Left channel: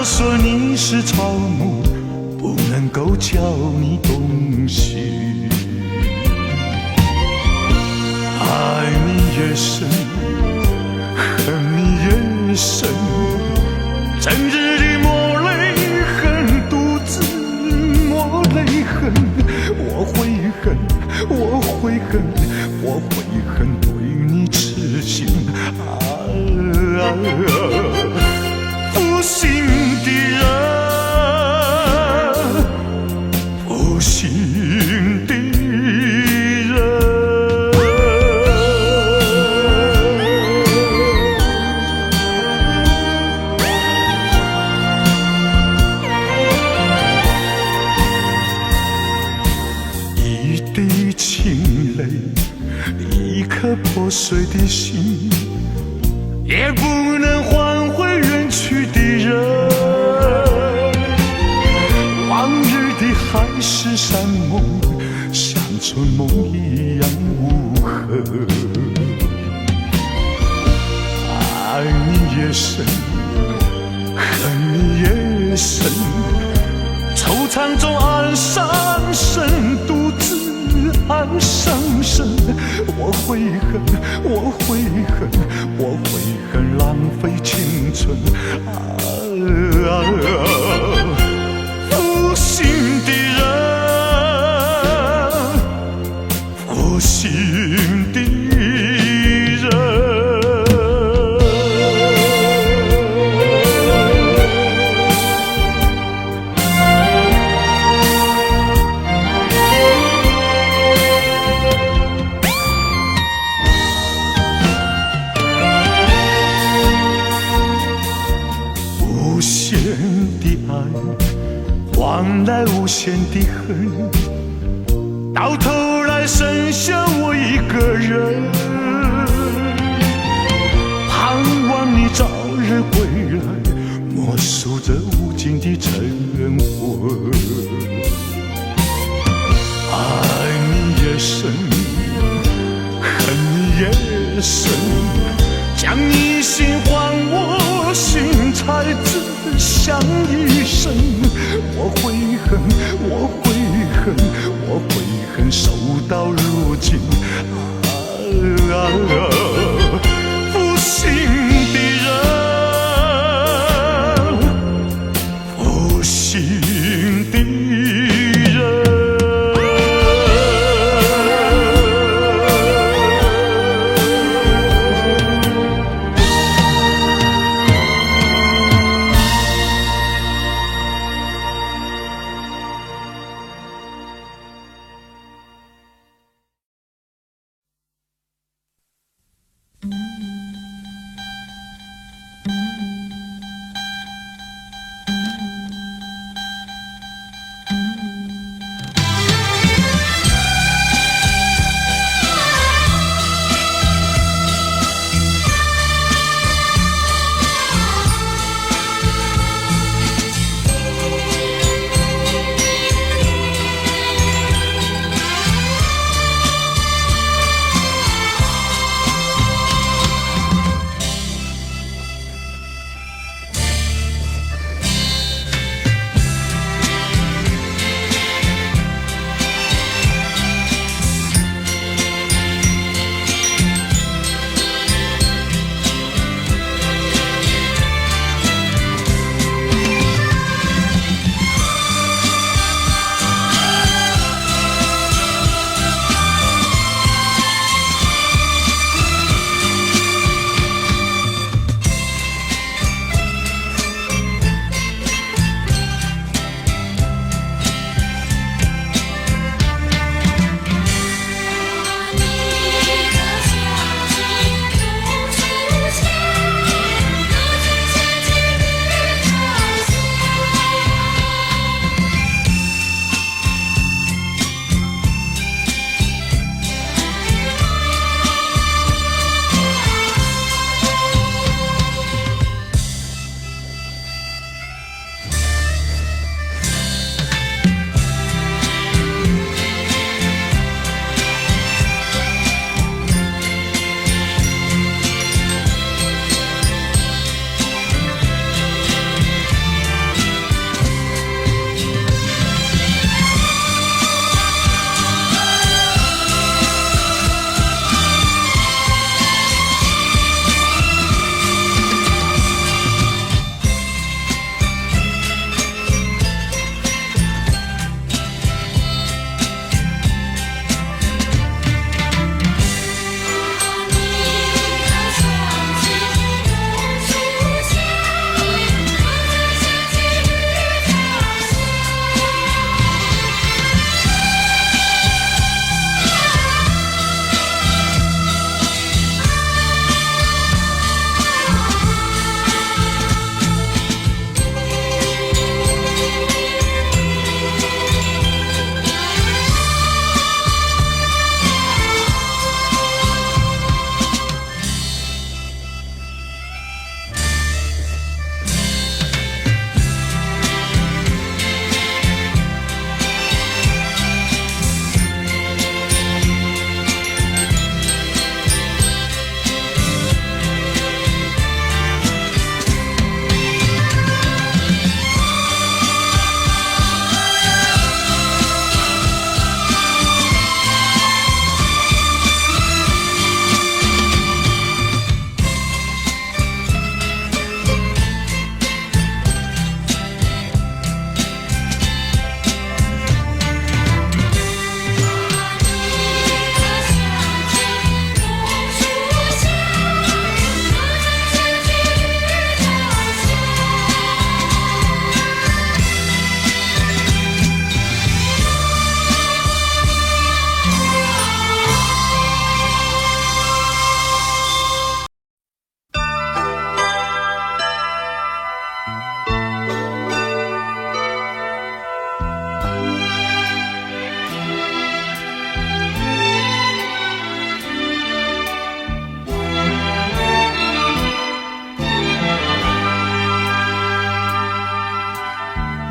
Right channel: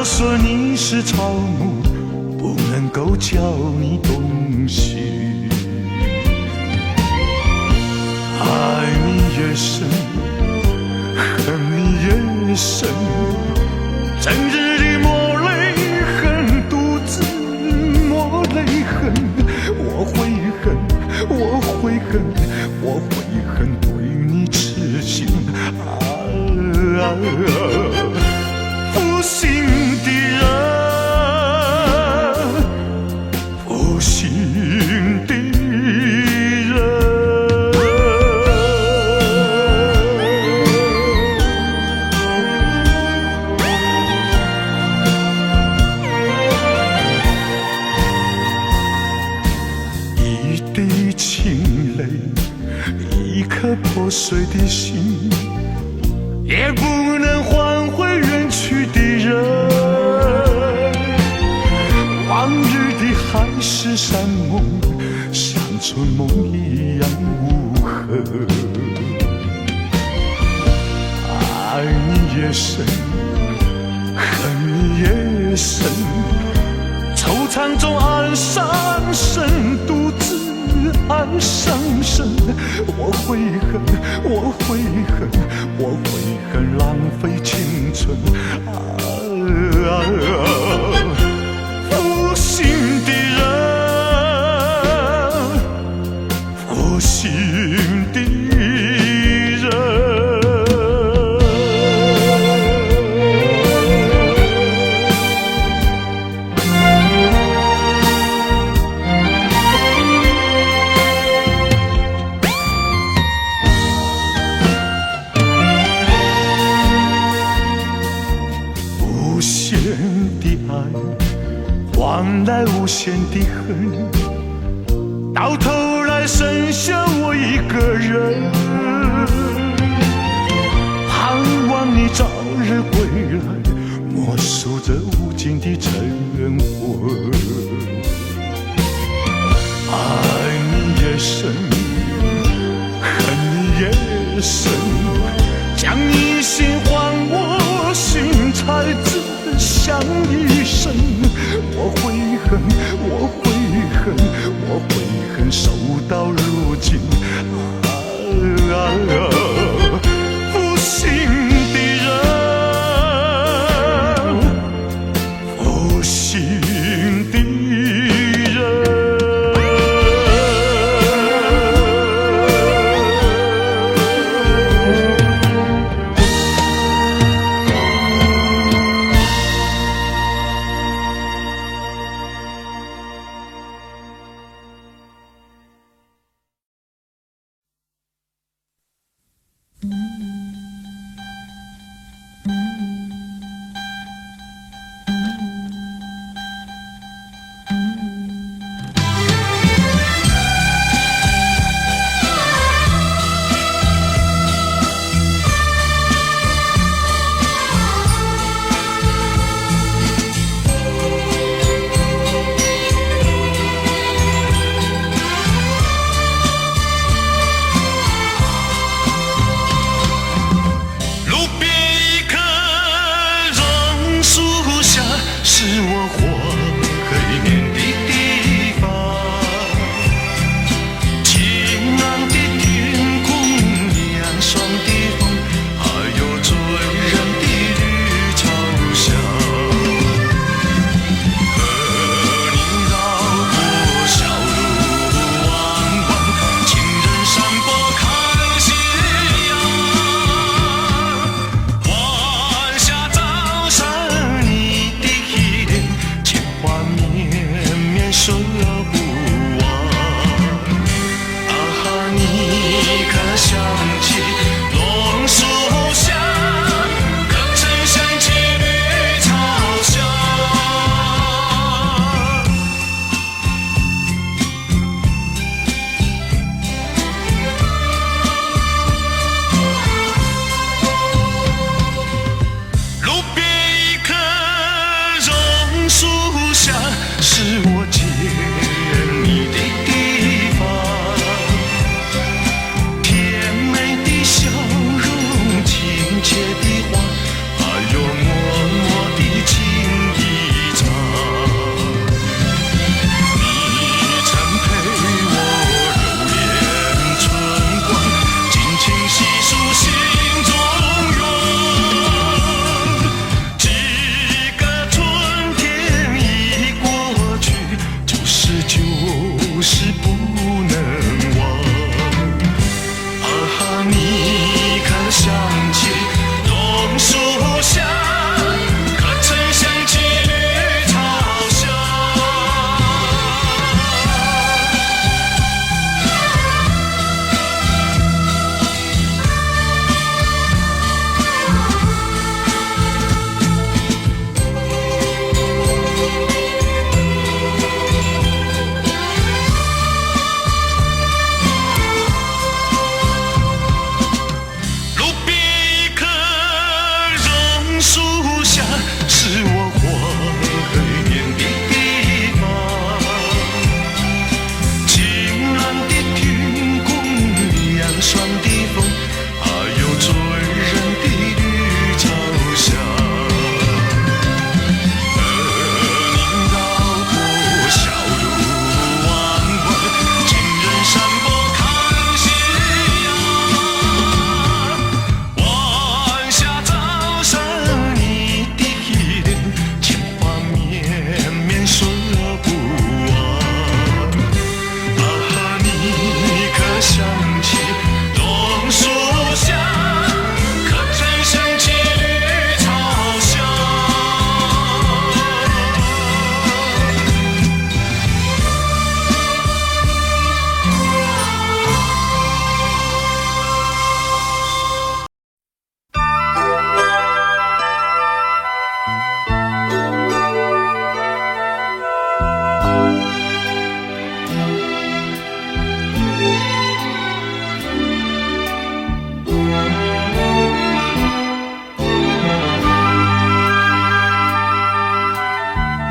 道说你是草木，不能够叫你动心。爱你越深，恨你越深，整日的抹泪痕，独自抹泪痕。我会恨，我会恨，我会恨对你痴心负心的人，负心的人。一滴清泪，一颗破碎的心，也不能换回远去的人。往日的海誓山盟，像春梦一样无痕。爱你越深，恨你越深，惆怅中暗伤神，独自暗伤神。我会恨，我会恨，我会恨浪费青春负心的人，负心的人。无限的爱换来无限的恨，到头来剩下我一个人。盼望你早日归来，默数着无尽的晨昏。爱你越深，恨你越深，将你心还我心，才自相一生。我会恨，我会恨，我会恨，守到如今负心的人，负心的人。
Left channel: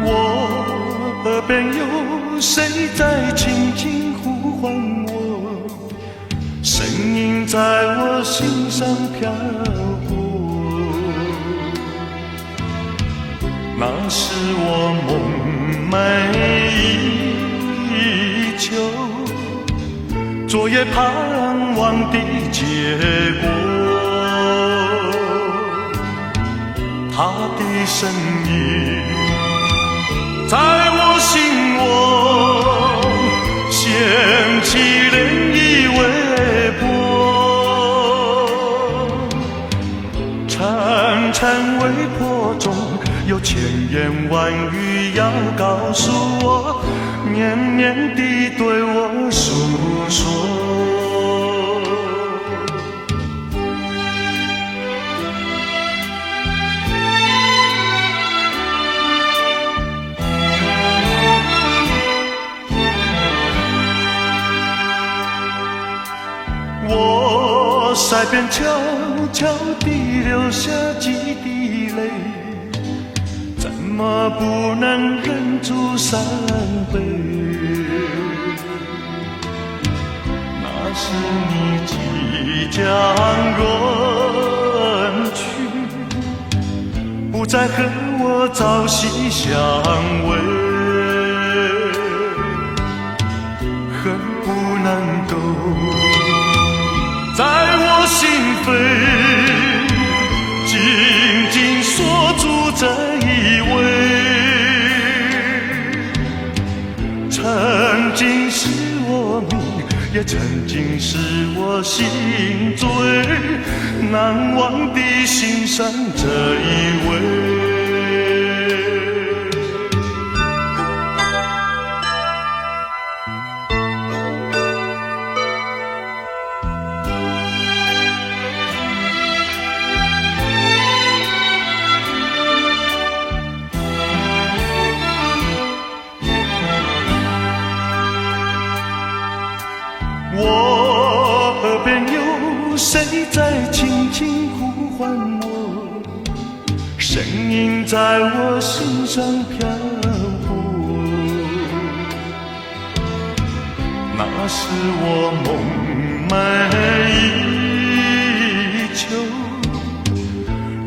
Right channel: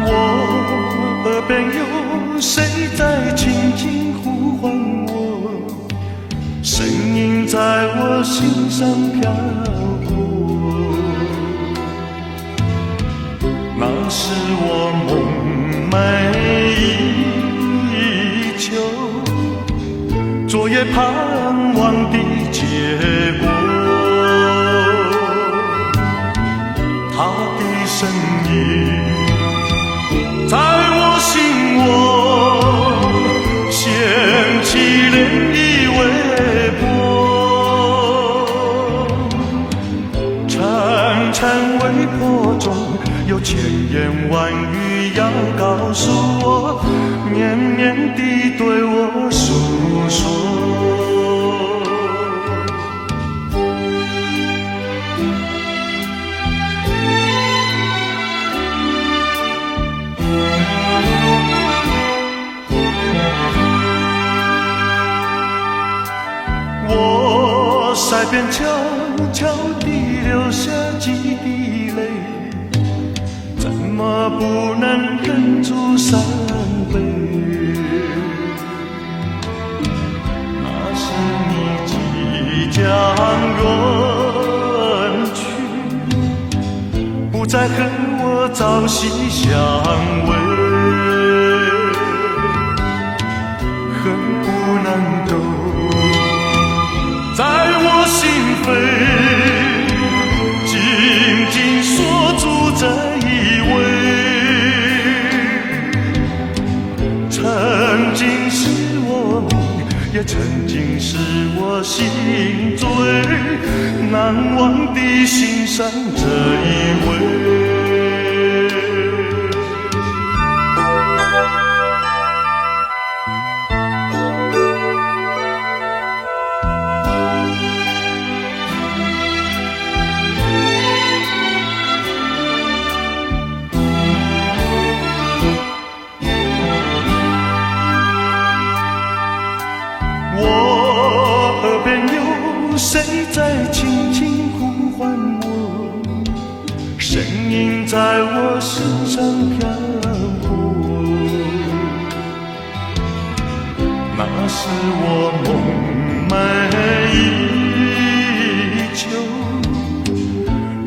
我耳边有谁在轻轻呼唤我，声音在我心上飘过。那是我梦寐以求，昨夜盼望的结果。他的身影在我心窝掀起涟漪微波，潺潺微波中有千言万语要告诉我，绵绵地对我诉说。我腮边悄悄地流下几滴泪，怎么不能忍住3杯？那是你即将远去，不再和我朝夕相偎，恨不能够在我心扉紧紧锁住这一位，曾经是我命，也曾经是我心最难忘的心上这一位。我耳边有谁在轻轻呼唤我，声音在我心上飘过。那是我梦寐以求，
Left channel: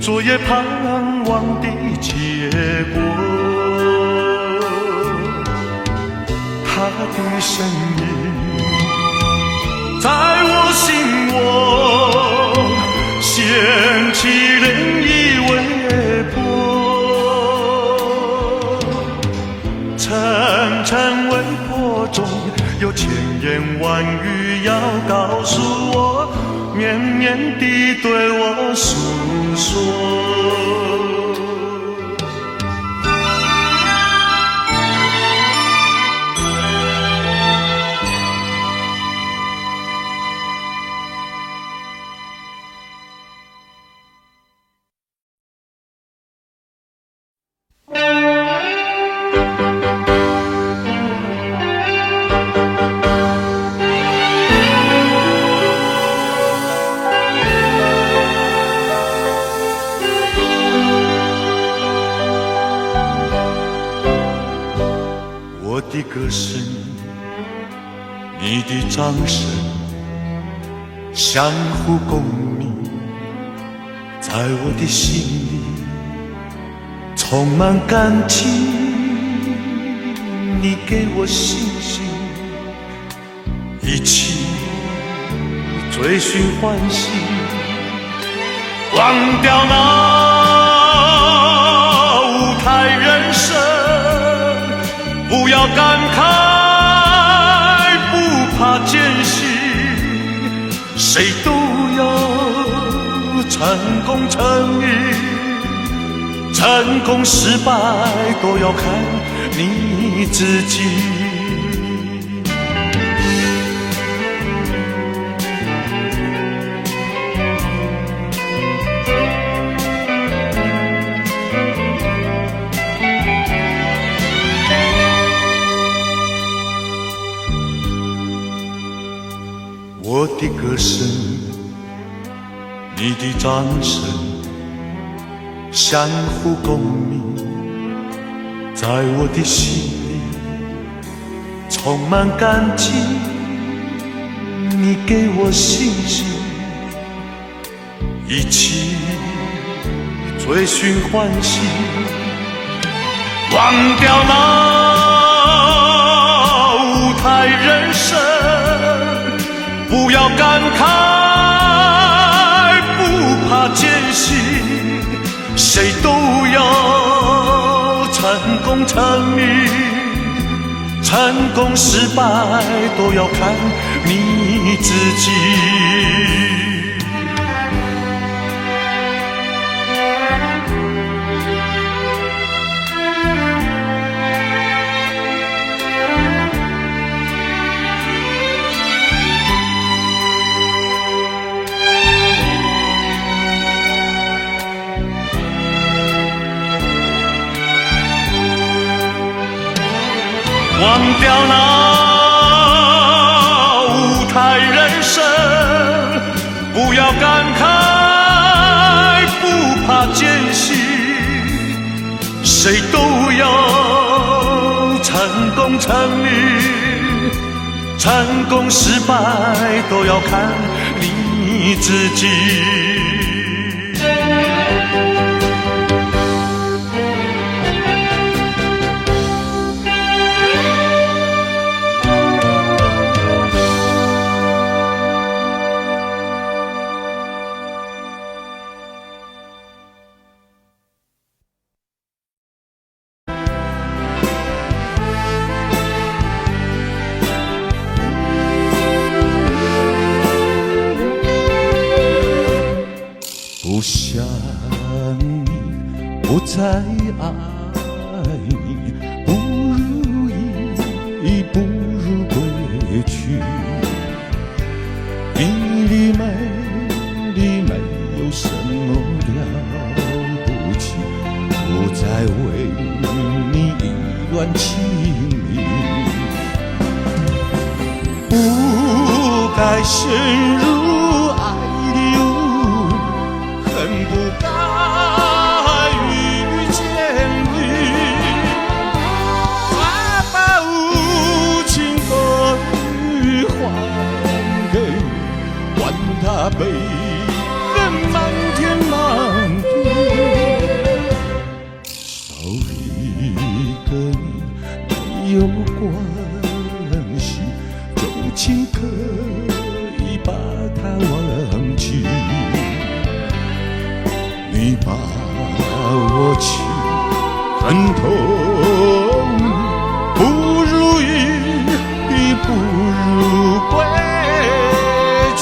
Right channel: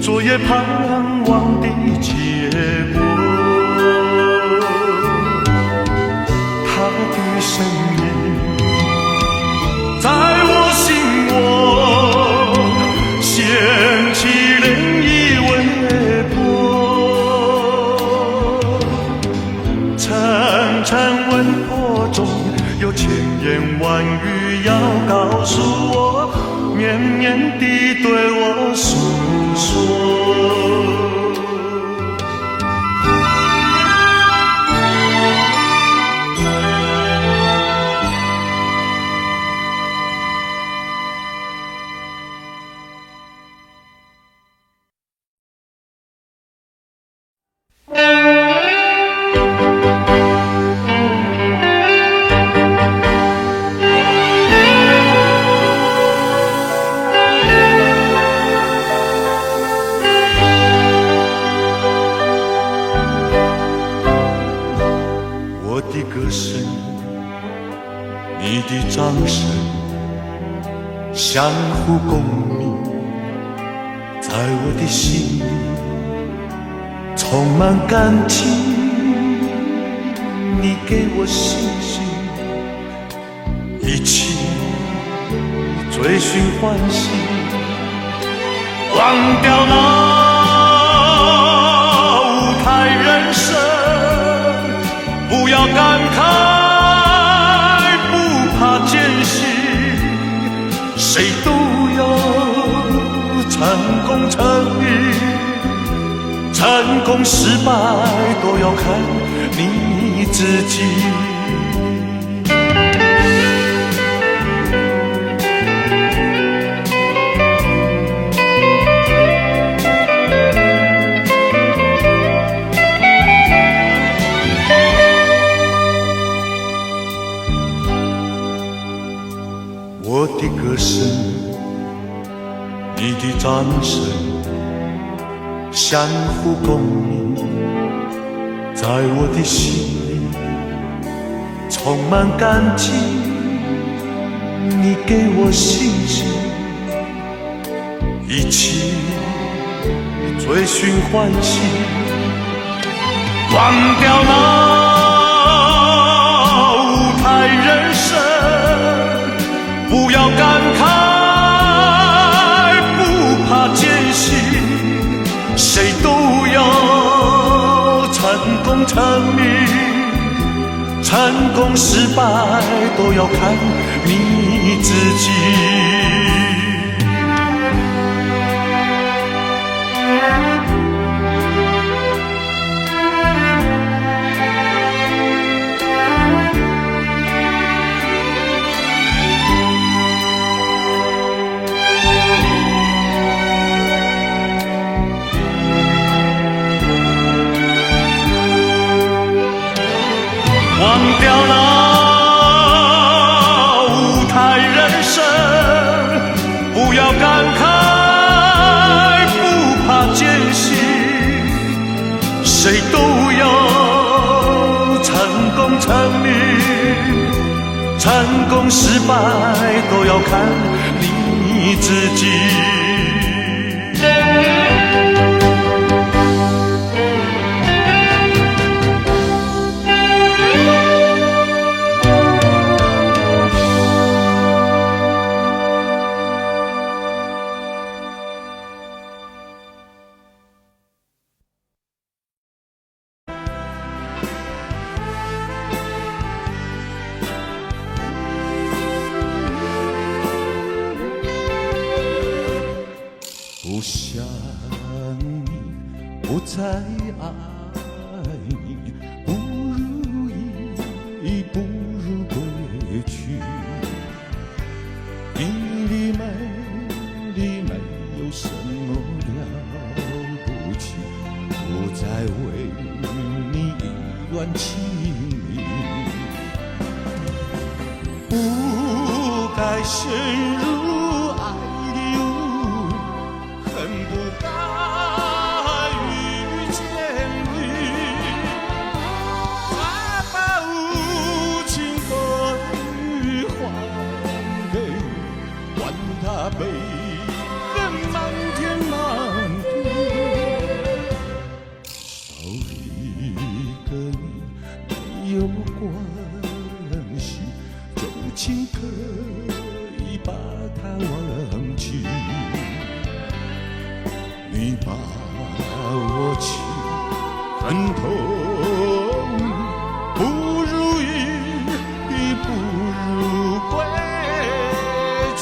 昨夜盼望的结果。他的身影在我心窝掀起涟漪微波，潺潺微波中有千言万语要告诉我，绵绵地对我诉说。我的歌声，你的掌声，相互共鸣，在我的心里充满感情。你给我信心，一起追寻欢喜，忘掉那舞台人生，不要感慨，不怕艰辛，谁都有成功成瘾，成功失败都要看你自己。我的歌声，你的掌声，相互共鸣，在我的心里充满感激，你给我信心，一起追寻欢喜，忘掉那舞台人生，不要感慨，不怕艰辛，谁都要成功成名，成功失败都要看你自己。忘掉那舞台人生，不要感慨，不怕艰辛，谁都要成功成名，成功失败都要看你自己。不想你，不再爱你，不如意，不如归去。你的美丽没有什么了不起，不再为你意乱情迷，不该陷入爱的雾，恨不该遇见你，再把无情的雨还给你，管他悲恨漫天漫地，少一个你没有关系，就请可以把它忘记。你把我情恨透，不如意，不如归去。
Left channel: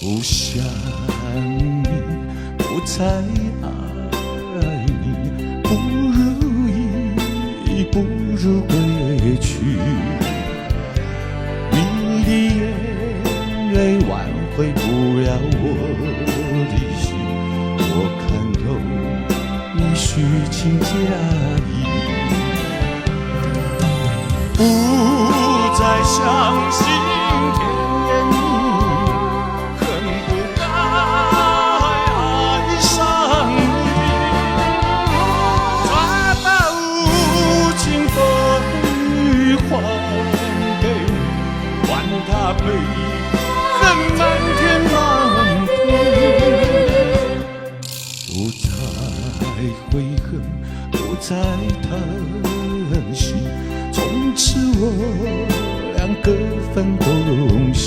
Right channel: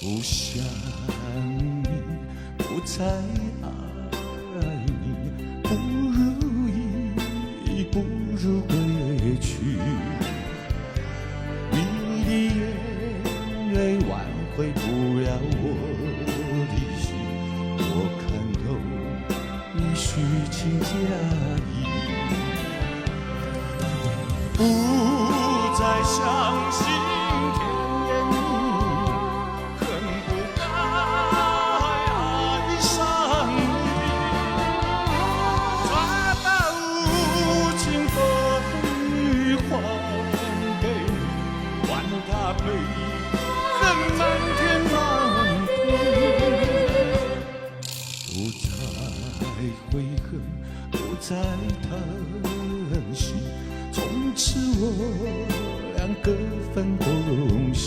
不想你，不再爱你，不如意，不如归去。你的眼泪挽回不了我的心，我看透你虚情假意，不再相信甜言蜜语，恨不该爱上你，再把无情的雨还给你，管它悲恨漫天漫地，不再悔恨，不再疼惜，从此我俩各分东西。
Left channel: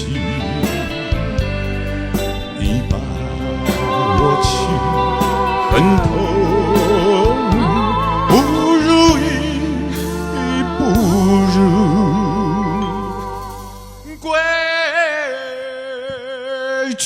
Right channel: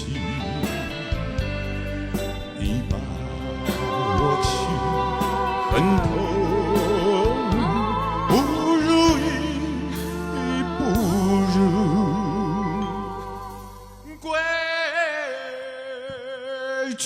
你把我情恨透，不如意，不如归去。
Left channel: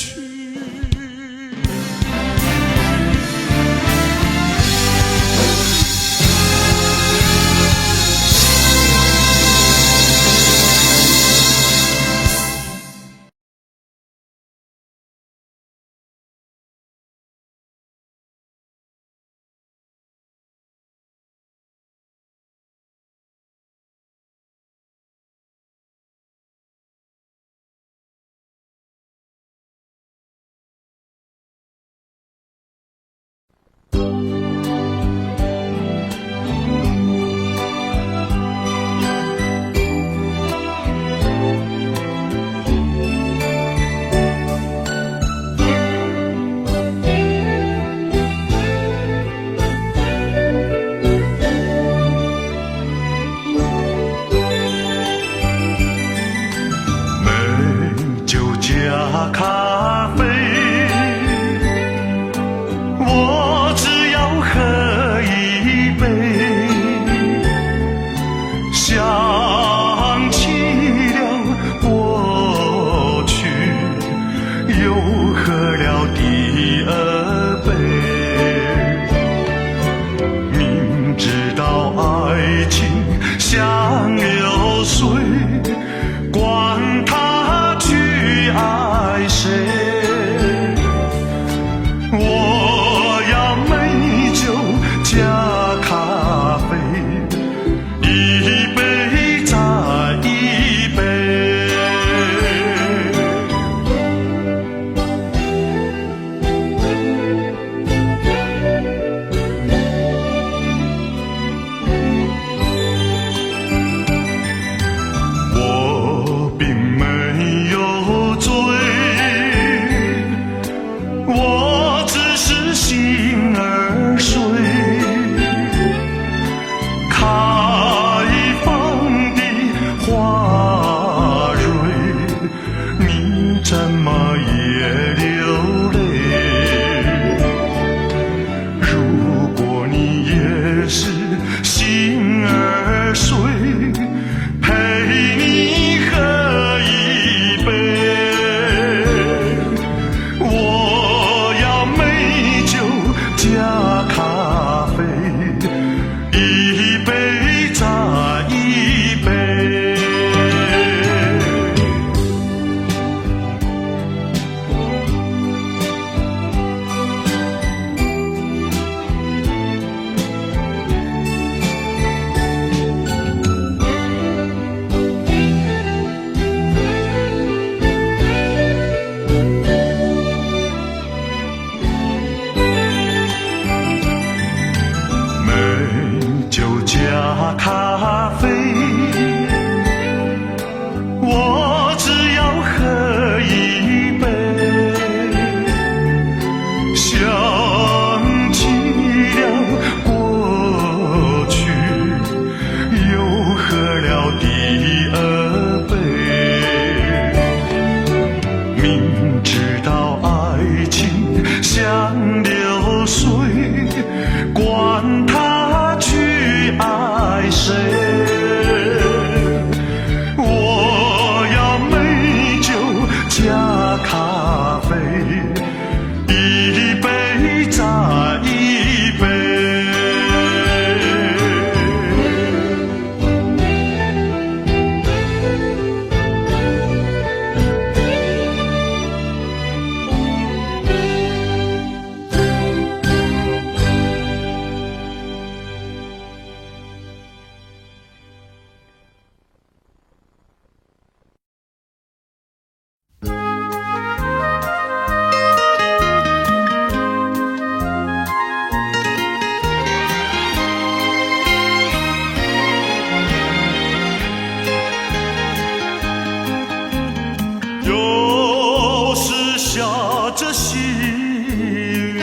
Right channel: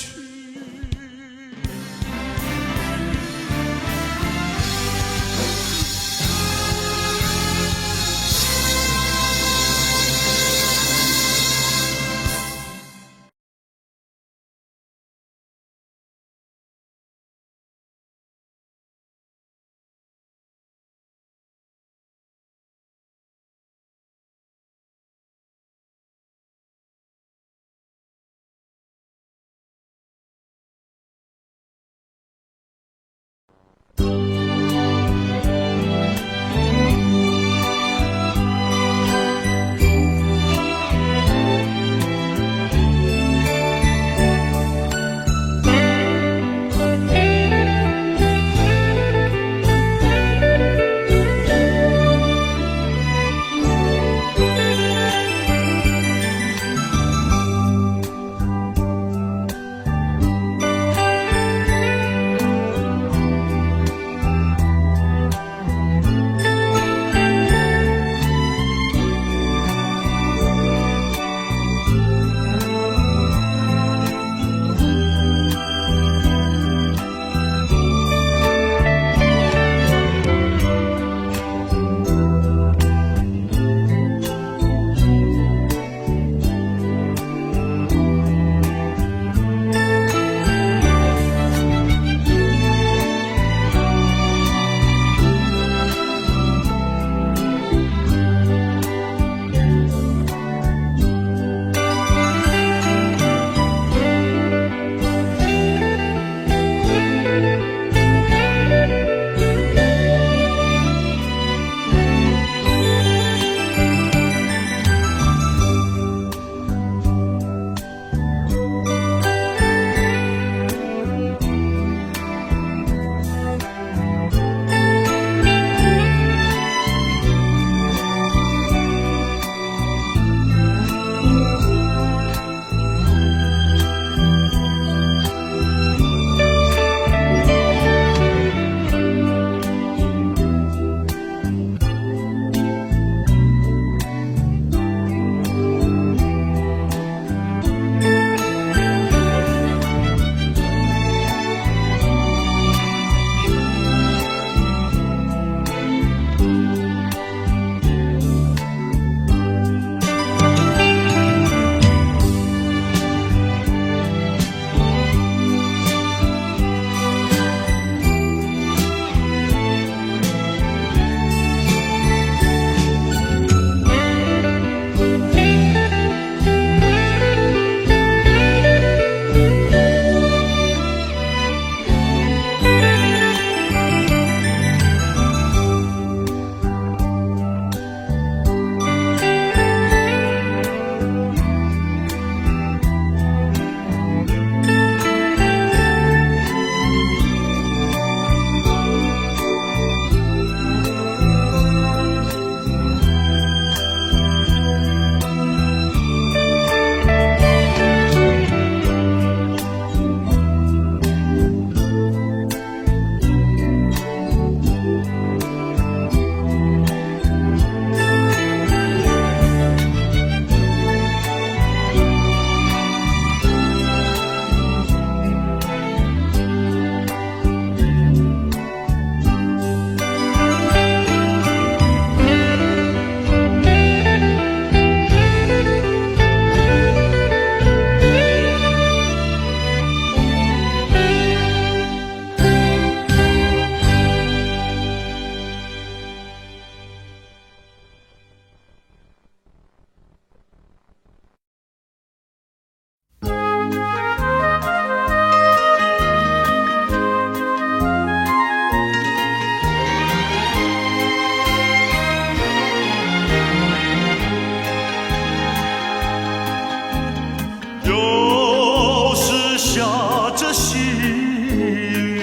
着细雨，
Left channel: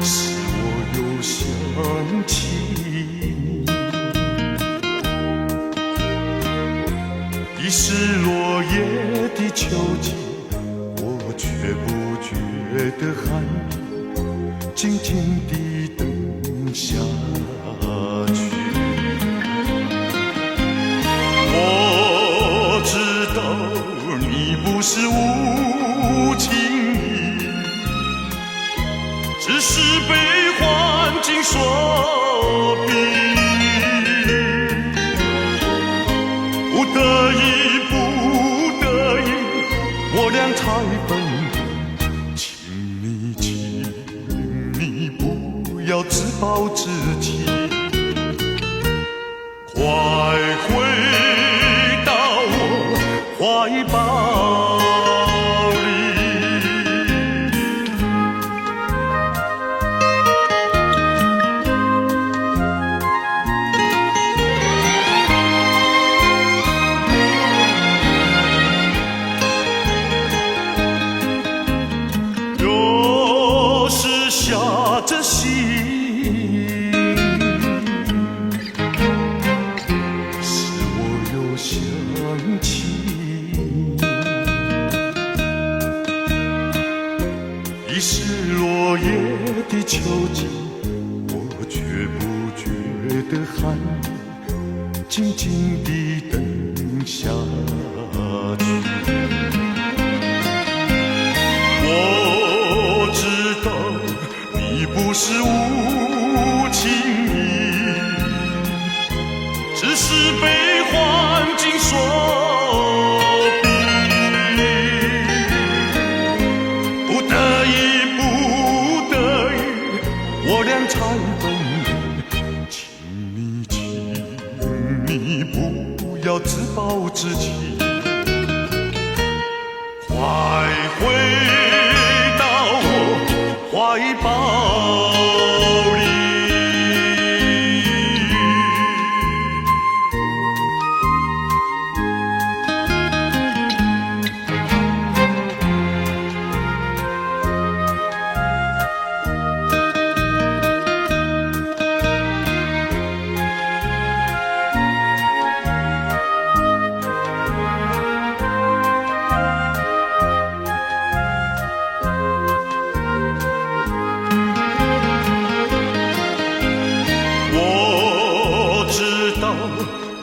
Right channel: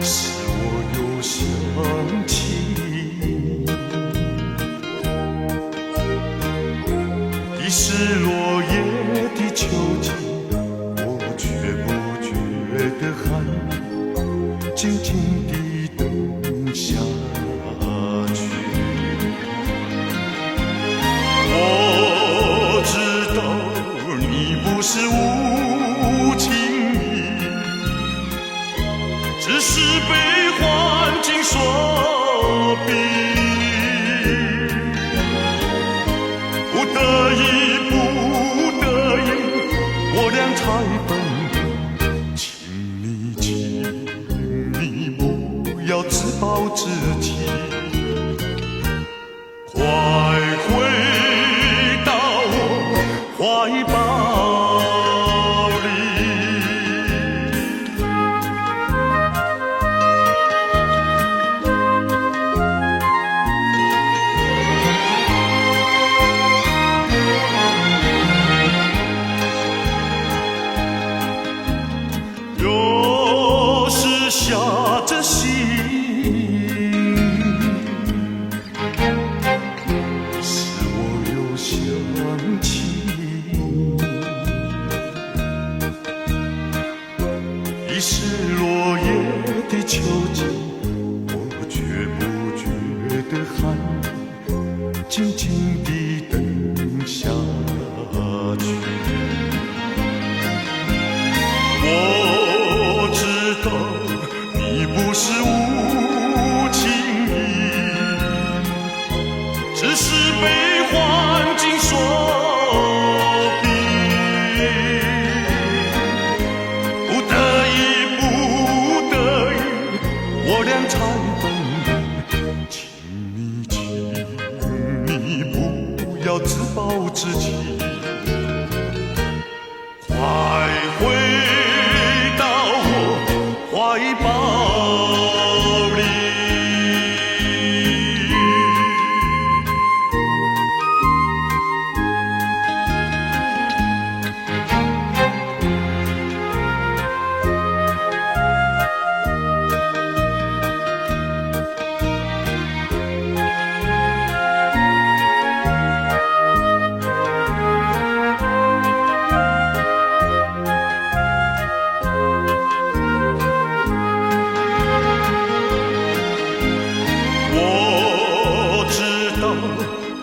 使我又想起你。已是落叶的秋季，我却不觉得寒意，静静地等下去。我知道你不是无情意，只是被环境所逼，不得已，不得已，我俩才分。请你不要自暴自弃，快回到我怀抱里。的汗静静地等下去。我知道你不是无情意，只是被环境所逼，不得已，不得已，我俩才分离。请你不要自暴自弃，快回到我怀抱里。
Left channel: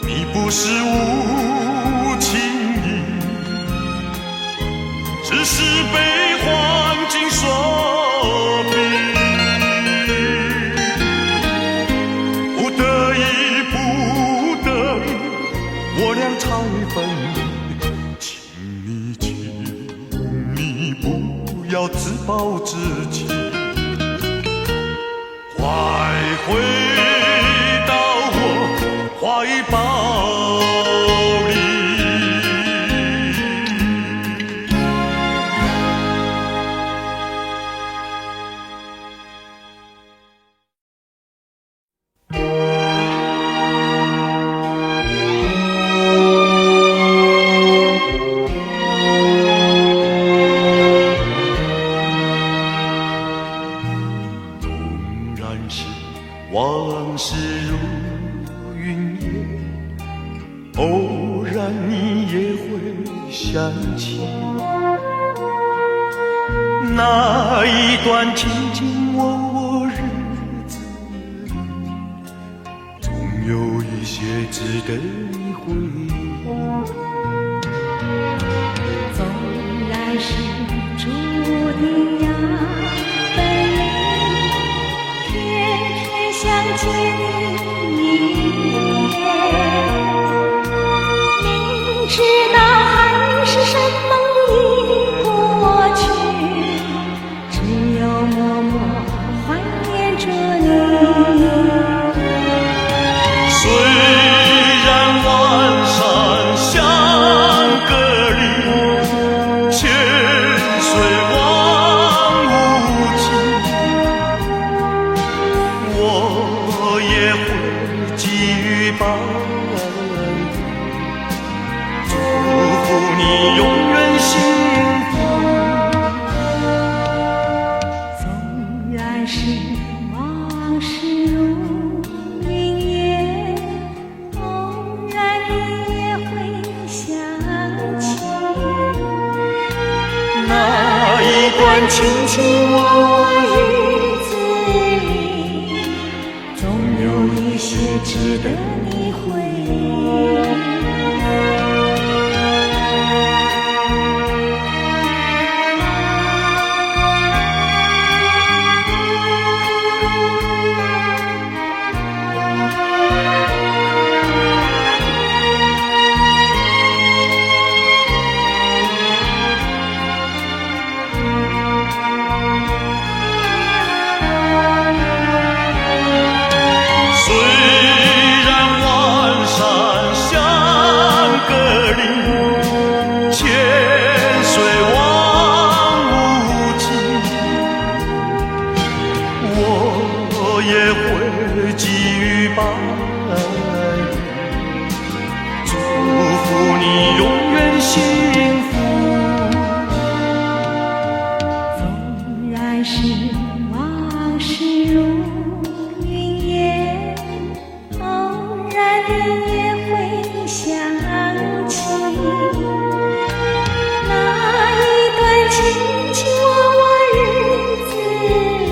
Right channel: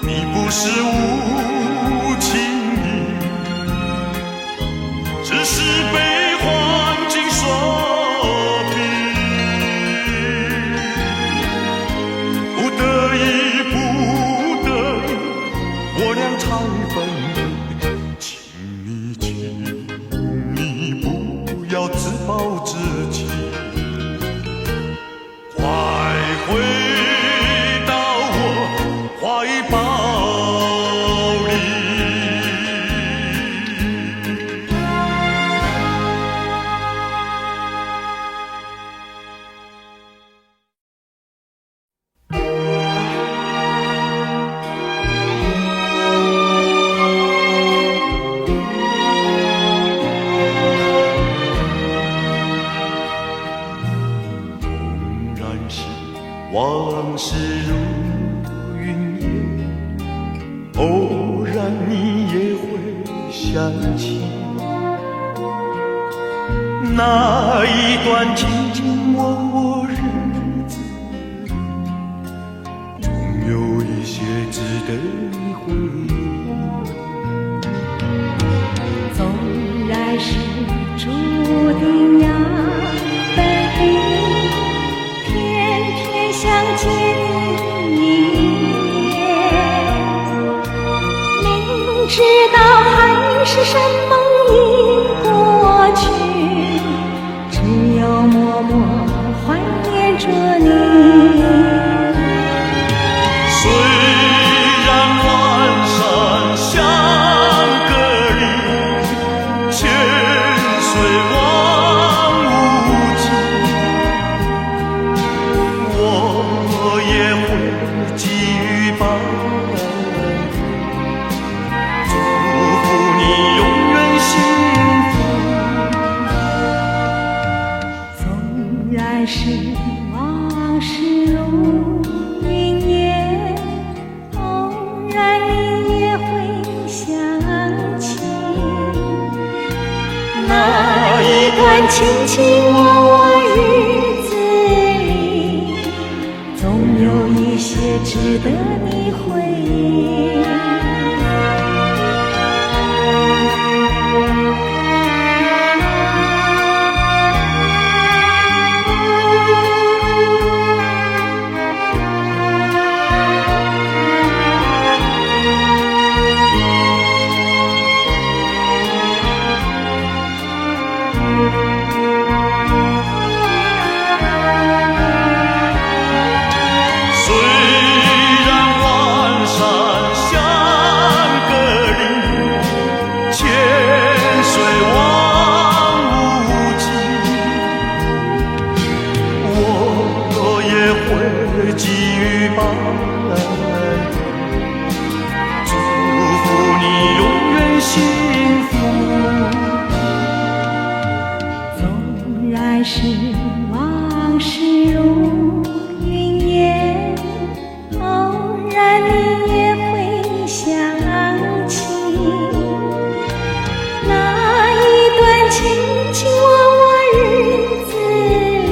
你不是无情意，只是被环境所逼，不得已，不得已，我俩才分离。请你不要自暴自弃，快回怀抱里。纵然是往事如偶然你也会想起那一段卿卿我我日子里，总有一些值得你回忆。纵然是注定要分离，偏偏相见知道海誓山盟已过去，只有默默怀念着你。虽然万山相隔离，千岁望无际，我也会给予帮你永远幸福。纵然是往事如云烟，偶然你也会想起那一段卿卿我我日子里，总有一些值得你回忆。也会给予帮祝福你永远幸福。纵然是往事如云烟，偶然你也会想起那一段卿卿我我日子里，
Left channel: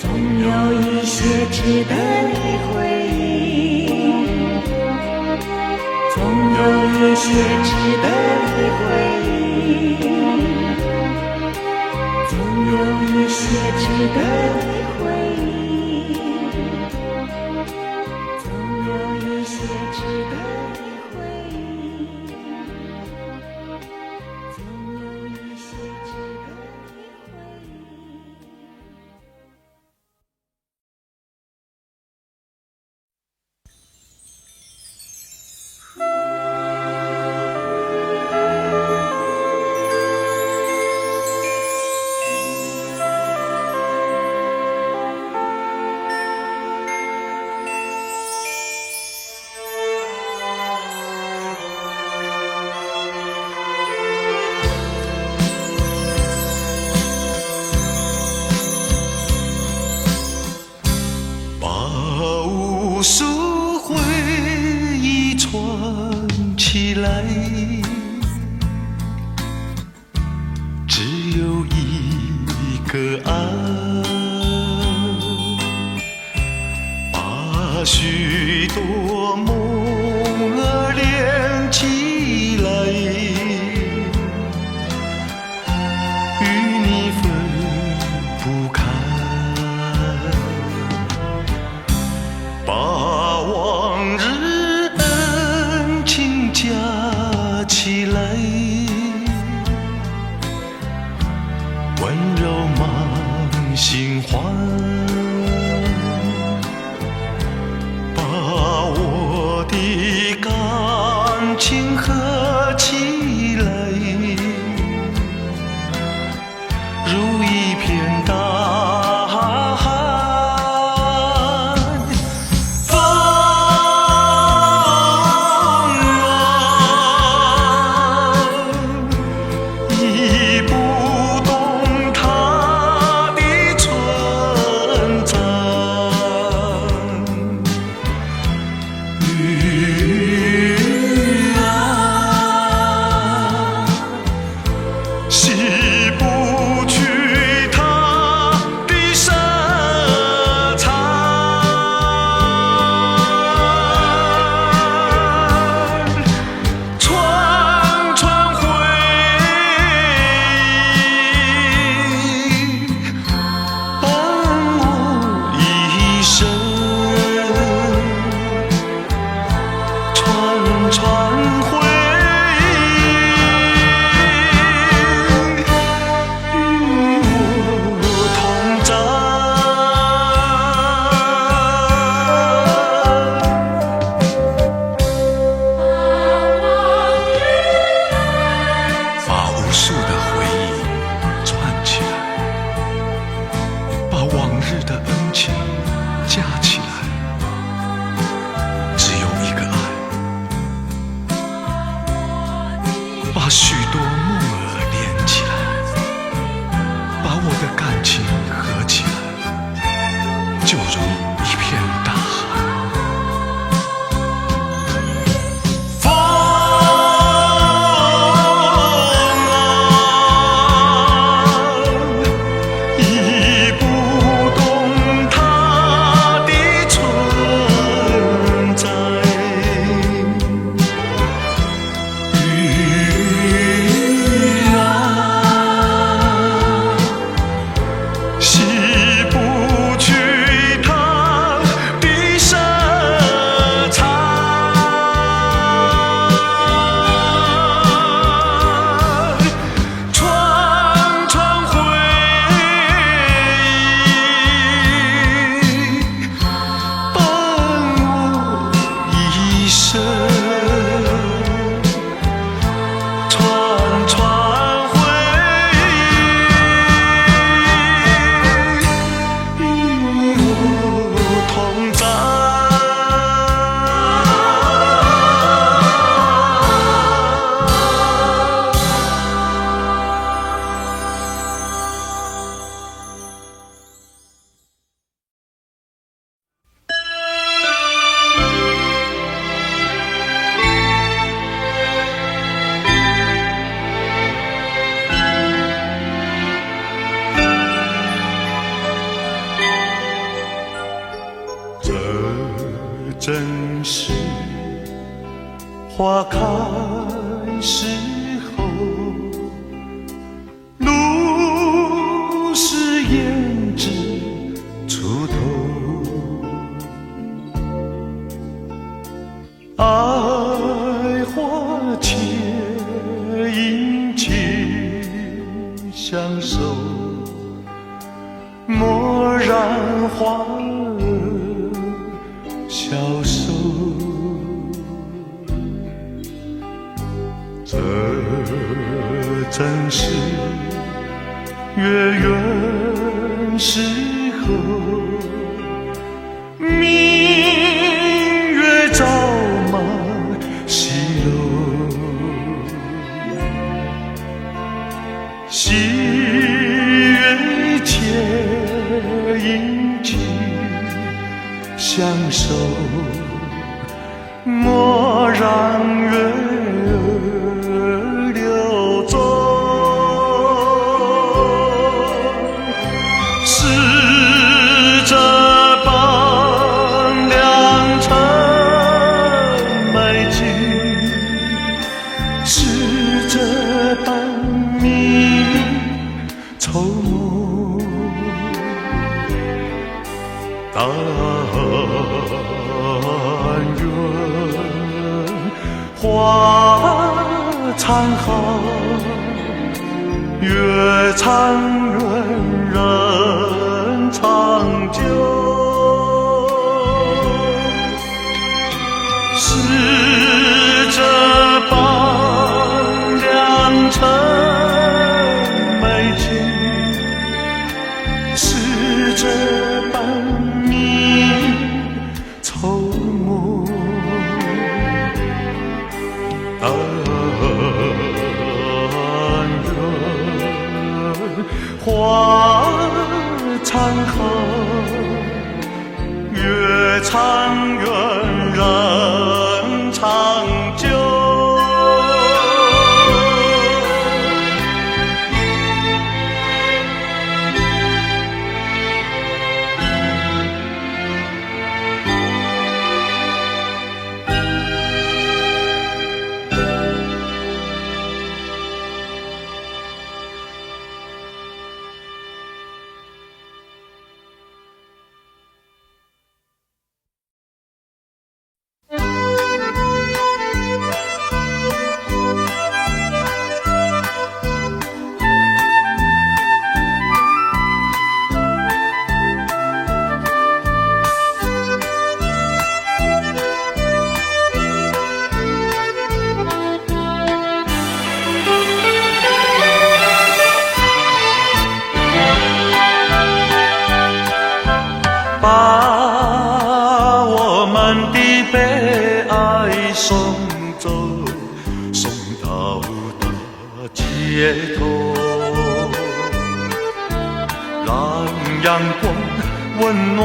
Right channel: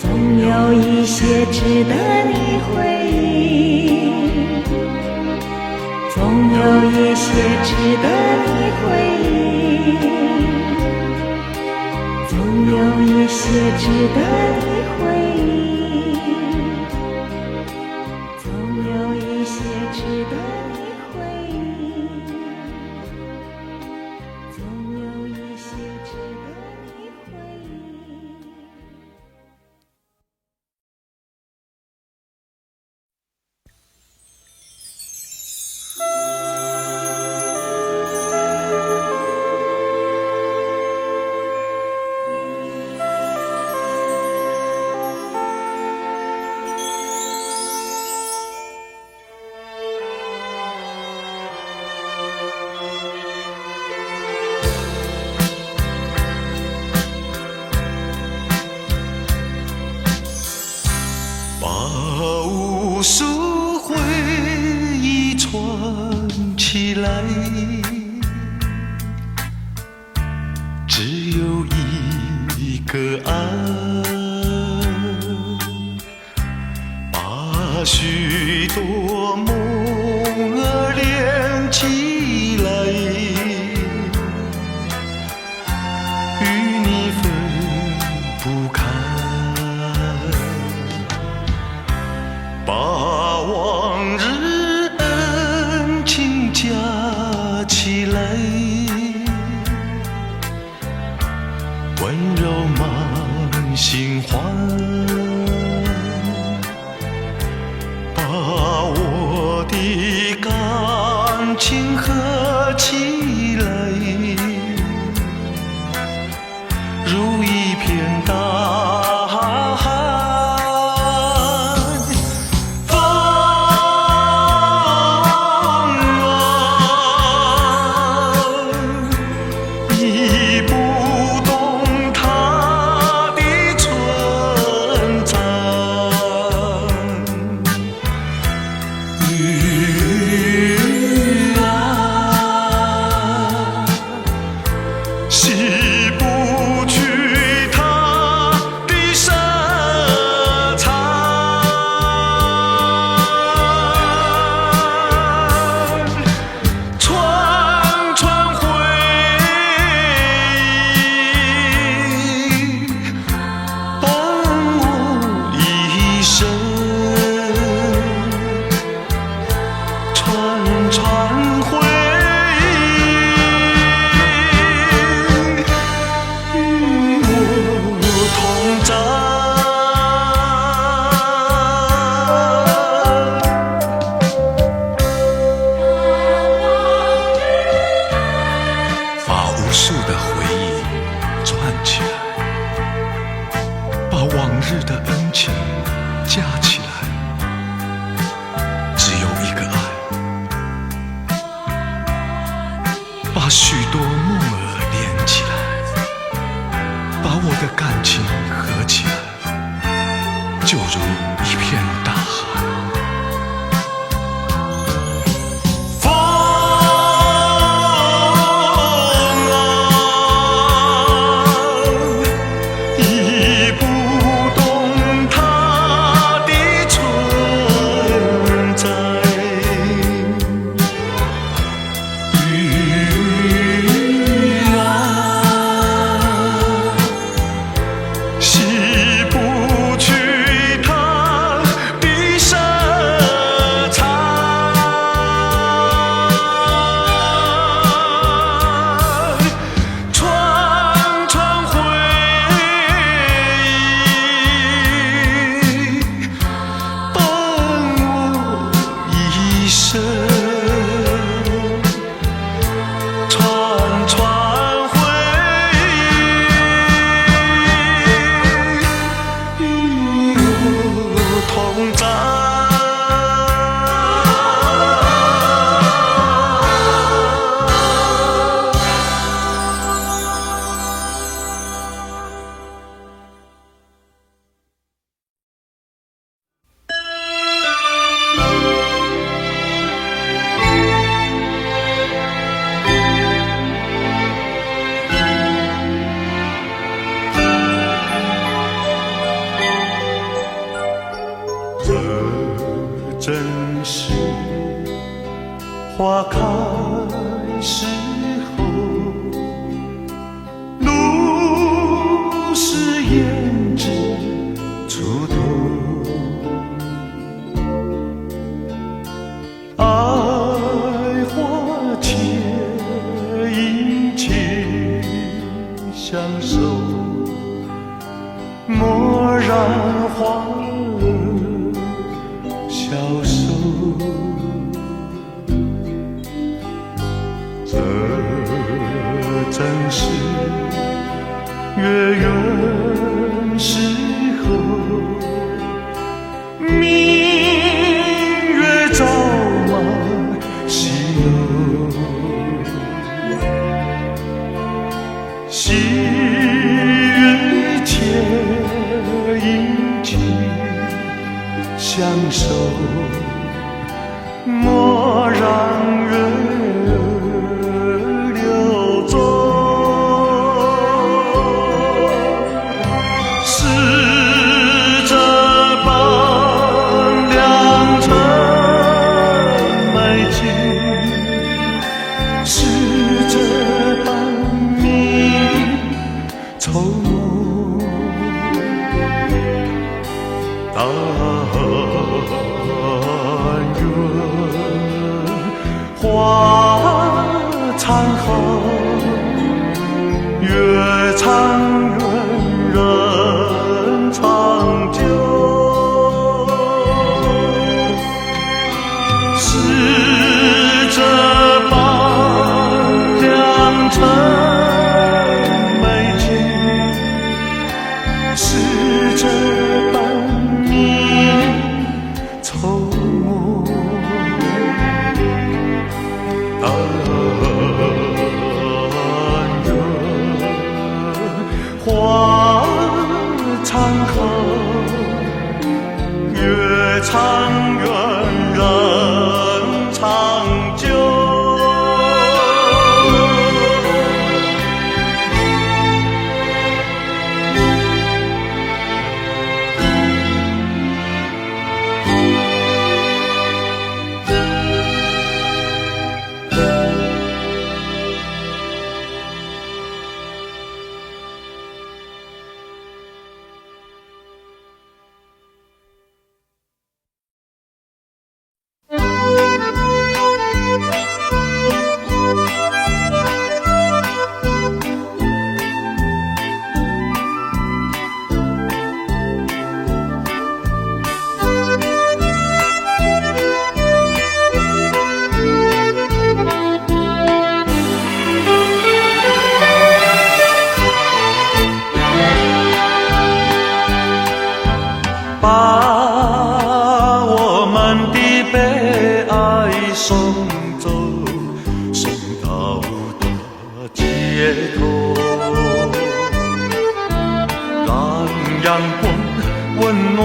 总有一些值得你回忆，总有一些值得你回忆，总有一些值得你回忆，总有一些值得你回忆，总有一些值得你回忆。把无数回忆串起来，只有一个爱，把许多梦儿连起来，与你分不开。把往日恩情加起来，温柔满心欢，把我这正是花开时候，露是胭脂出头，爱花且殷勤相守，蓦然花儿消瘦。这正是月圆时候，明月照满西楼，细月且殷勤相守，蓦然月流走，是这般良辰美景，是这般命运筹谋，但愿花残好，月长圆人长久，是这般良辰美景，是这般命运筹谋，但花残好，月长圆人长久。把我们的悲哀送走，送到大街头，让阳光温暖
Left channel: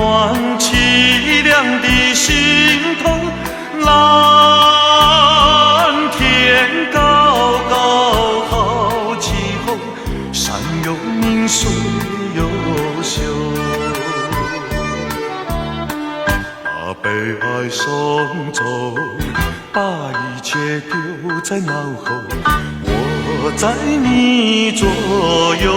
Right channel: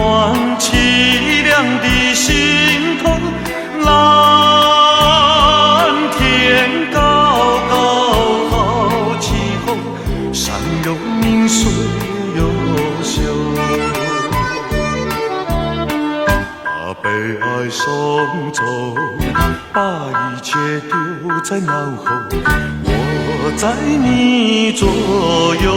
凄凉的心头，蓝天高高好气候，山有名水有秀，把悲哀送走，把一切丢在脑后，我在你左右。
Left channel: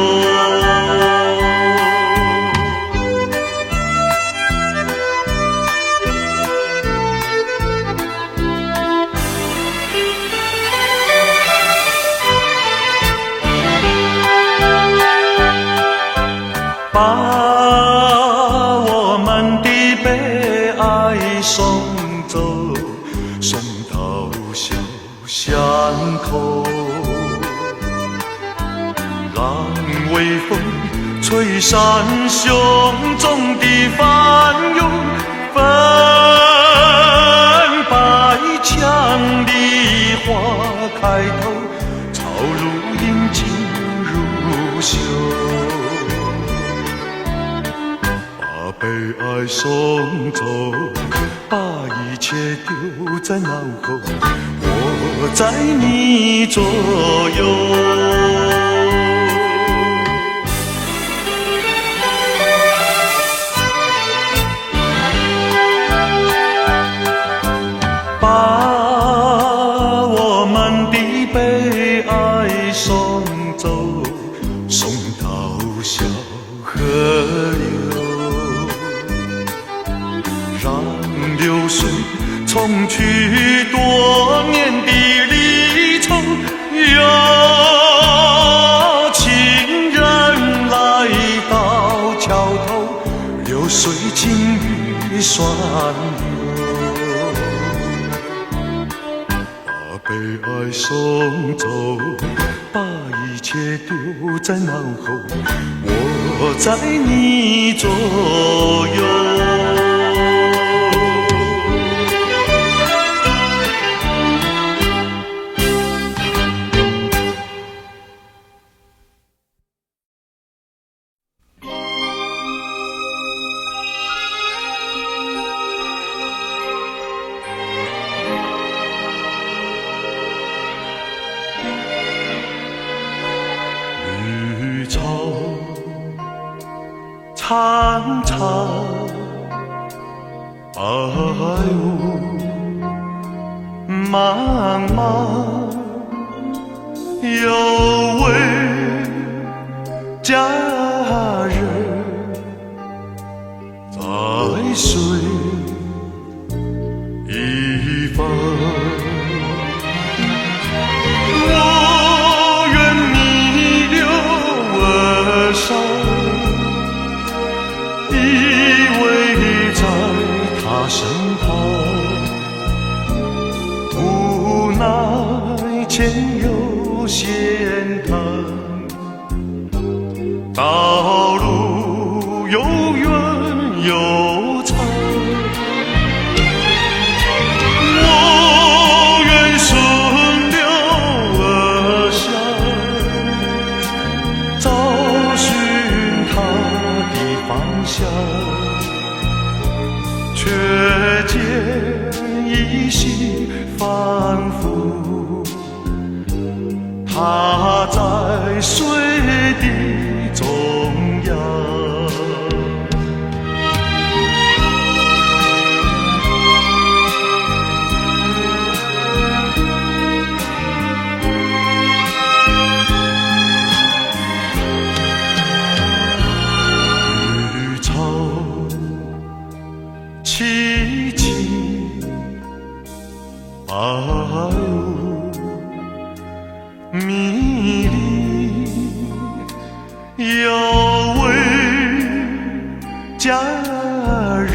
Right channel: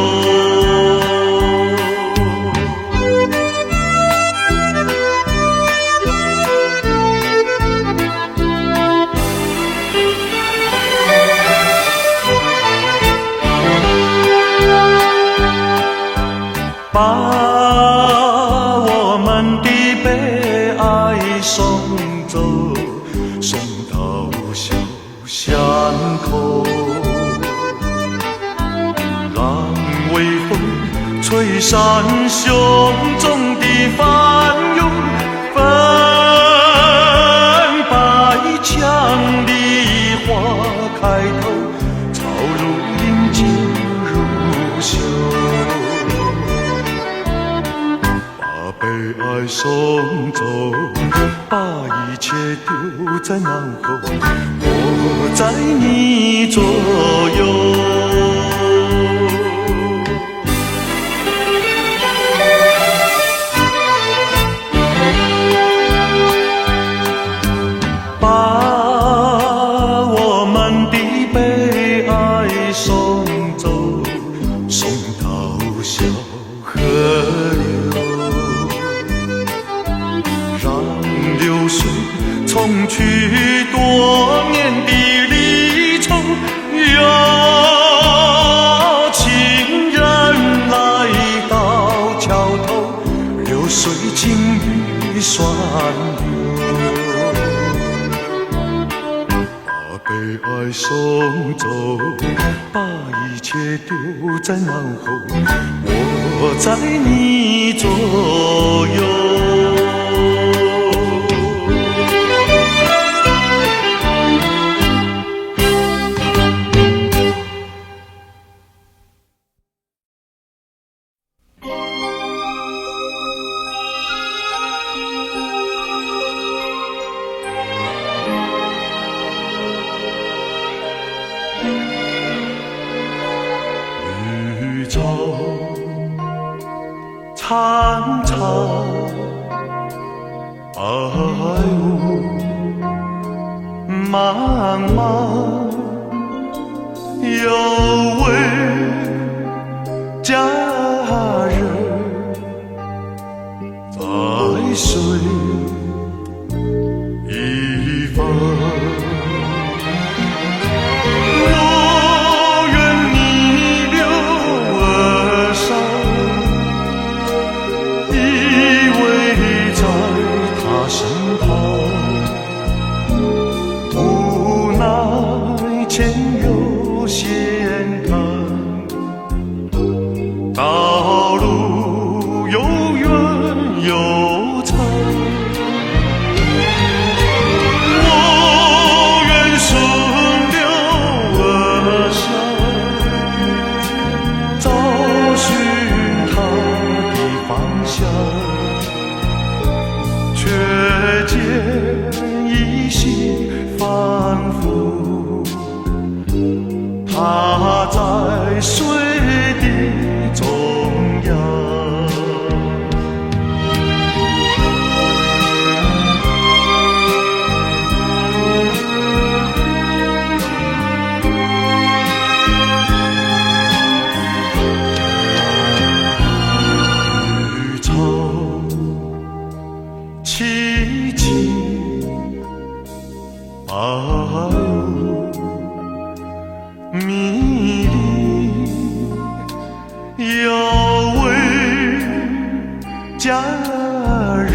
把我们的悲哀送走，送到小巷口，让微风吹散胸中的烦忧，粉白墙里花开头，草如林锦如绣，悲哀送走，把一切丢在脑后，我在你左右。流水，冲去多年的离愁。有情人来到桥头，流水轻于双流，把悲哀送走，把一切丢在脑后，我在你左右。绿草苍苍，白雾茫茫，有位佳人在水一方。身旁，无奈前有险滩，道路又远又长，我愿顺流而下，找寻他的方向，却见依稀反复，他在水的中央。绿草萋萋，白雾迷离，有位佳人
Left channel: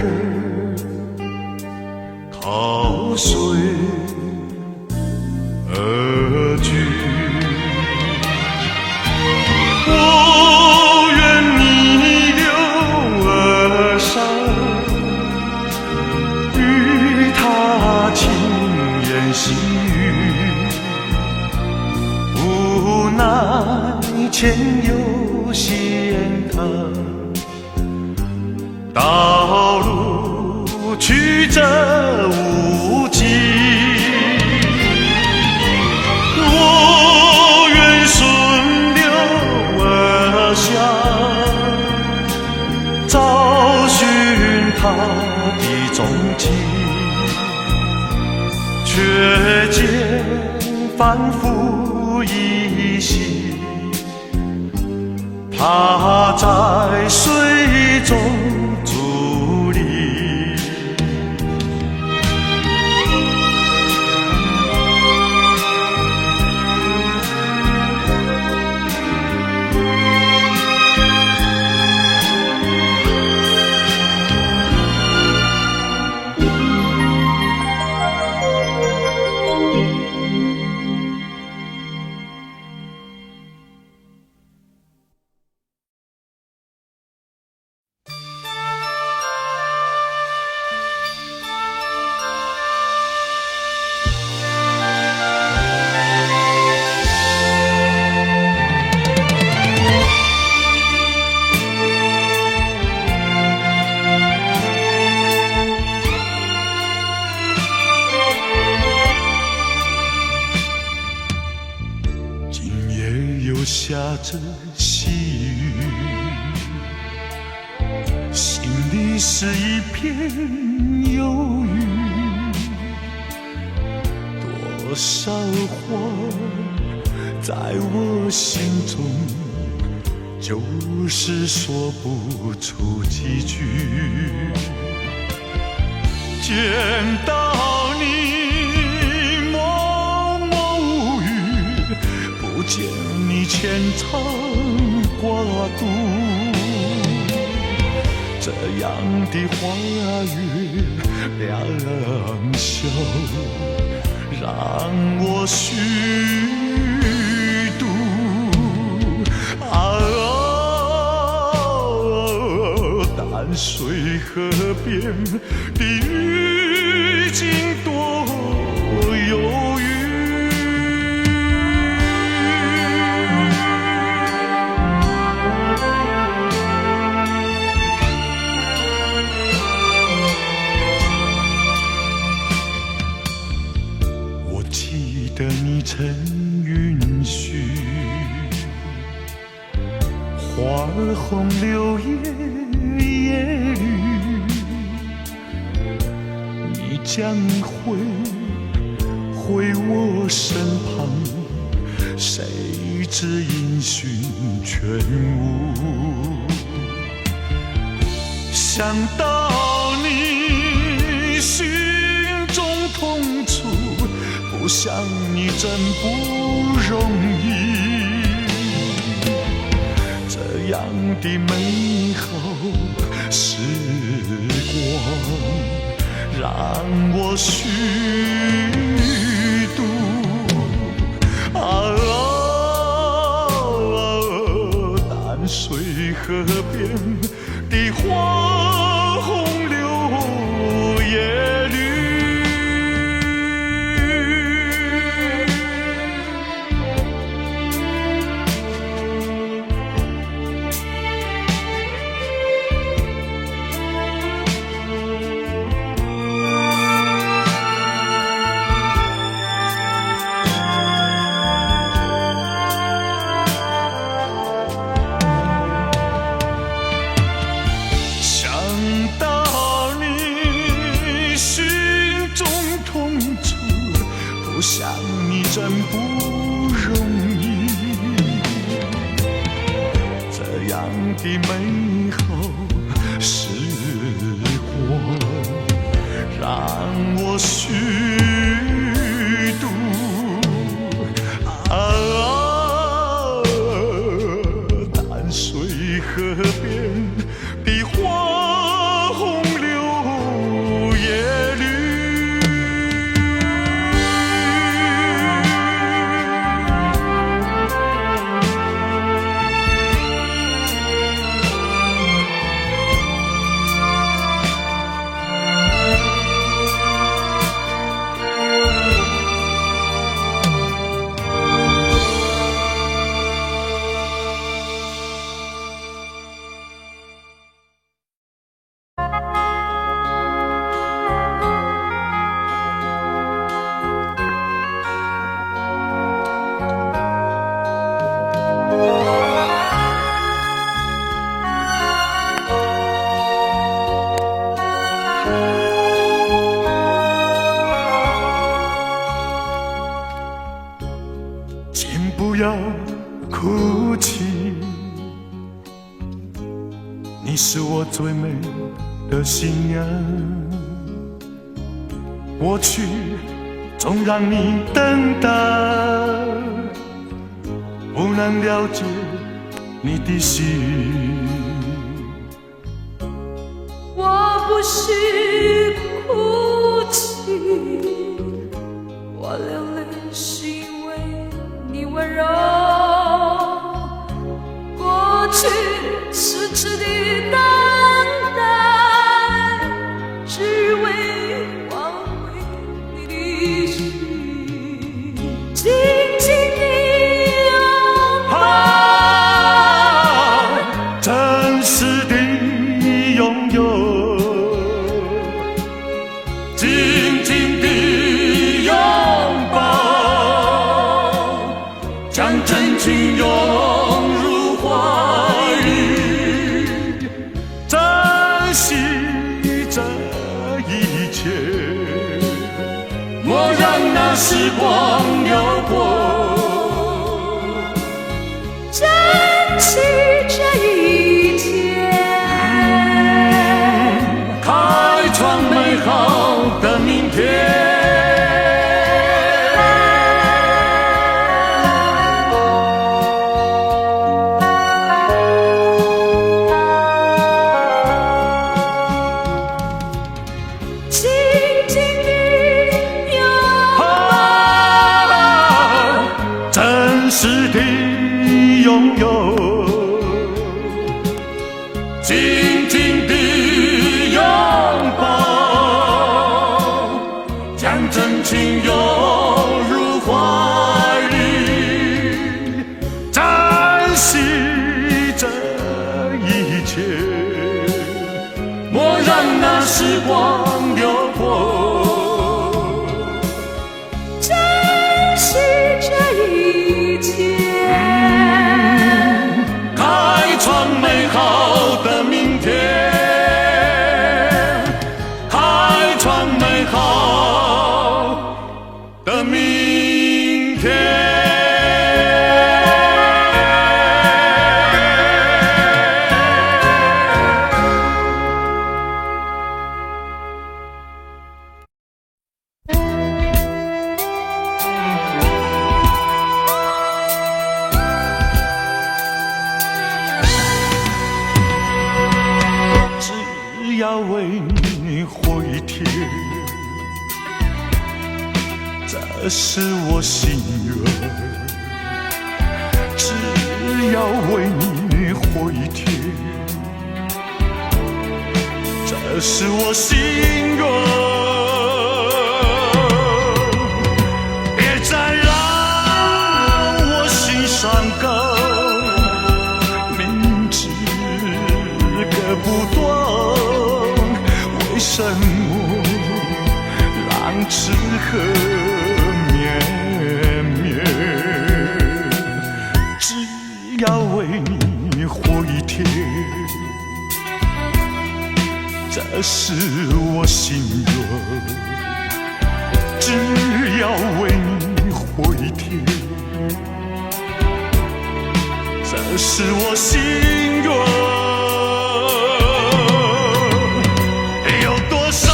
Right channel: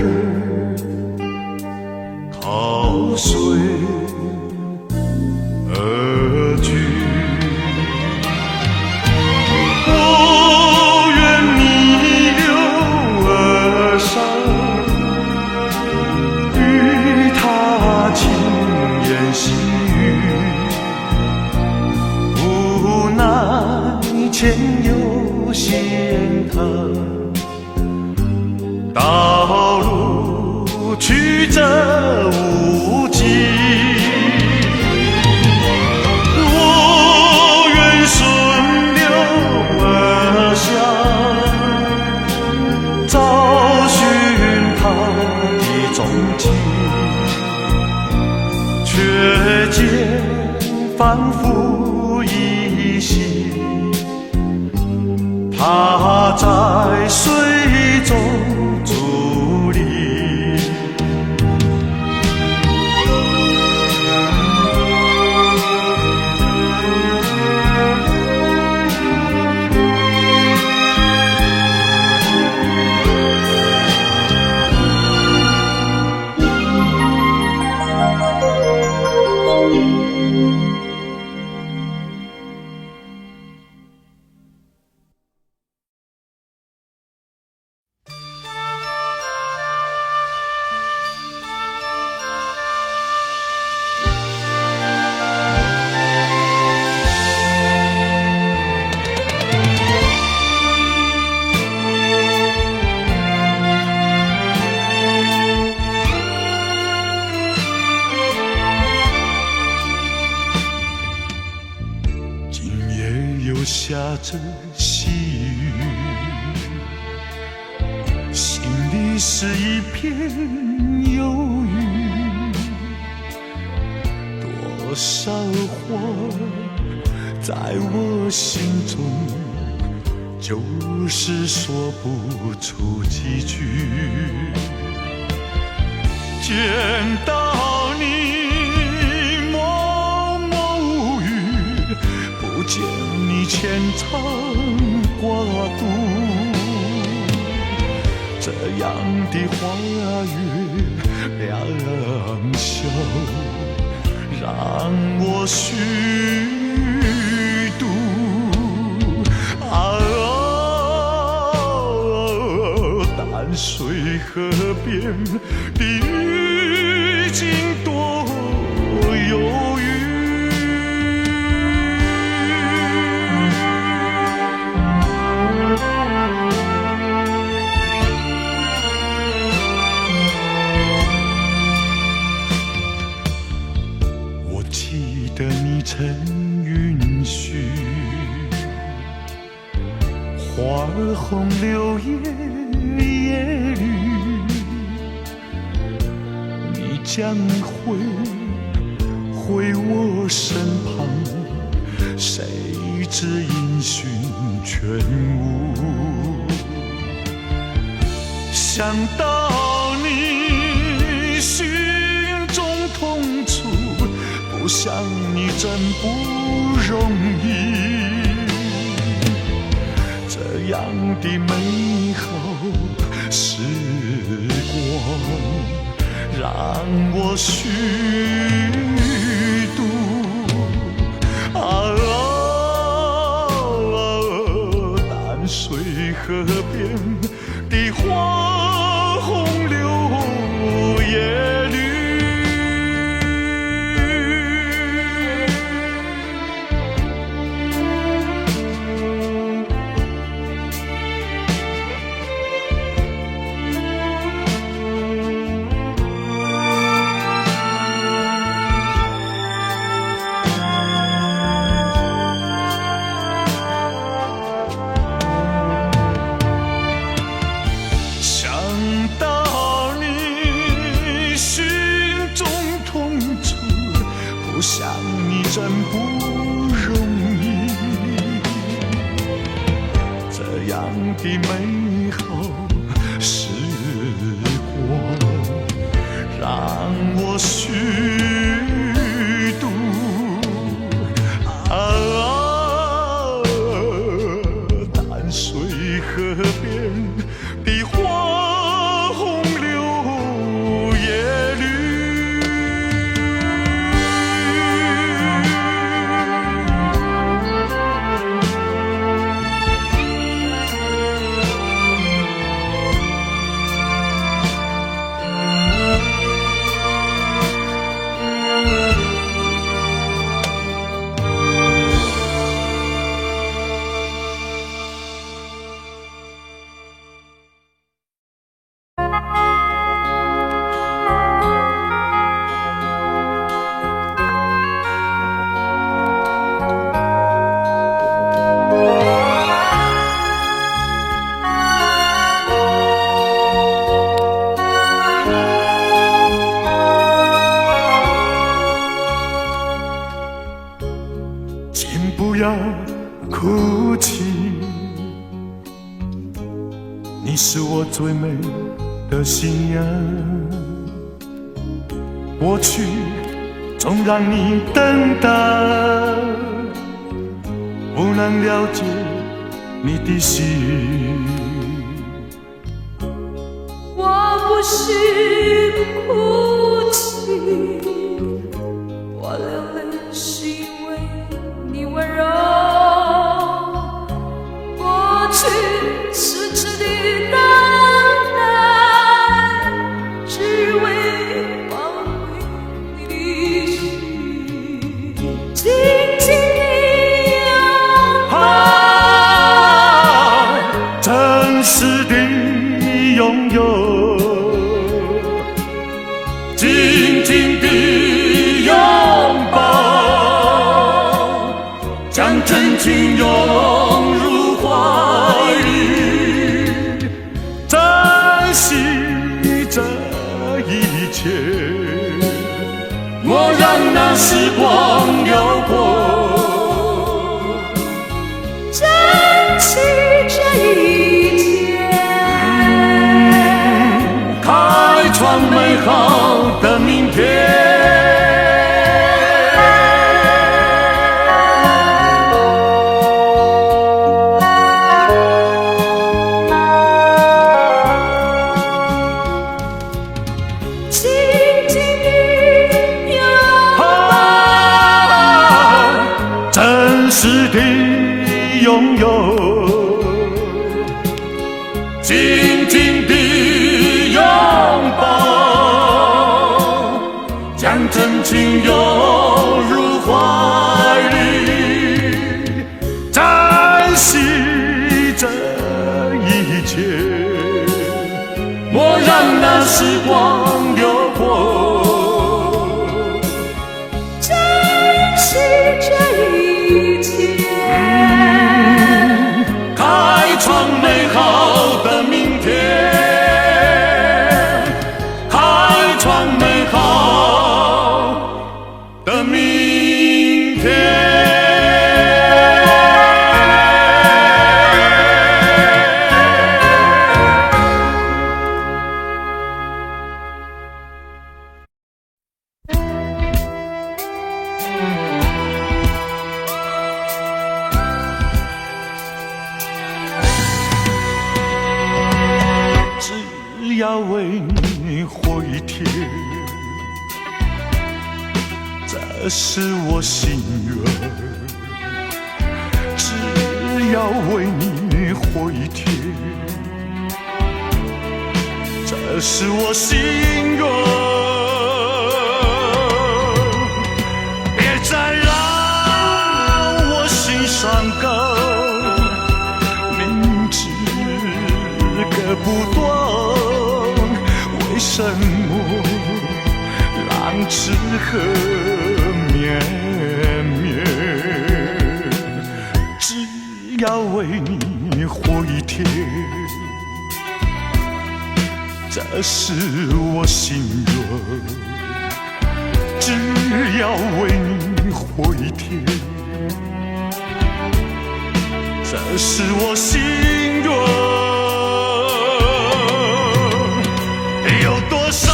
靠水而居。我愿逆流而上，与他轻言细语，无奈前有险滩，道路曲折无际，我愿顺流而下，找寻他的踪迹，却见反复依稀，他在水中伫立。下着细雨，心里是一片忧郁。多少话在我心中，就是说不出几句。见到你默默无语，不见你牵肠挂肚，这样的花月良宵，让我虚度。淡水河边的雨景多忧郁。我记得你曾允许花红柳叶叶绿，你将回我身旁，谁知音讯全无。想到你心中痛楚，不想你真不容易。这样的美好时光，让我虚度。淡水河边的花红柳叶绿。不想你真不容易，这样的美好时光，让我虚度。淡水河边的花红柳叶绿。请不要哭泣，你是我最美的信仰。过去总让你等待，不能了解你的心。我不是哭泣，我流泪是因为你温柔。过去痴痴的等待，只为挽回你的心，紧紧地拥抱，真实的拥有，紧紧地拥抱，将真情涌入怀里，珍惜这一切，莫让那时光流过，珍惜这一切。开窗门。美好的明天。真实的拥有，紧紧的拥抱，将真情拥入怀里，珍惜这一切，莫让那时光流过。开创美好的明天，开创美好的明天。只要为你活一天，这是我心愿。只要为你活一天，这是我心愿。别再让我心伤感，明知割不断，为什么浪痴和绵绵？只要为你活一天，这是我心愿。只要为你活一天，这是我心愿。有多少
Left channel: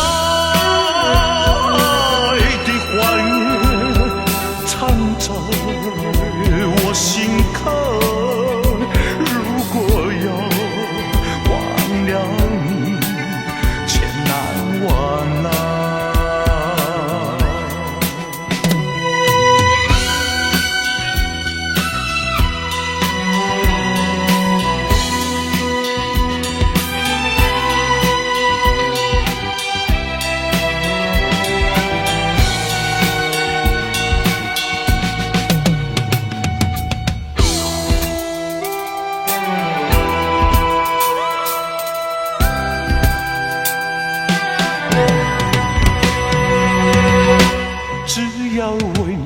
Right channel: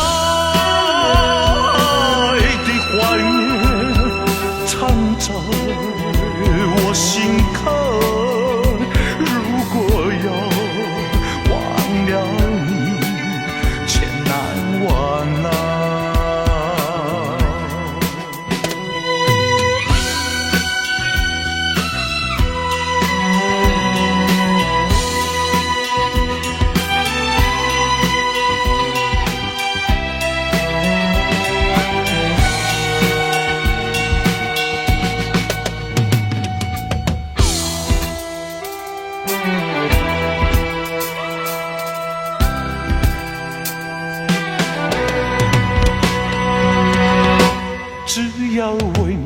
爱的怀念藏在我心坎，如果要忘了你，千难万难。只要为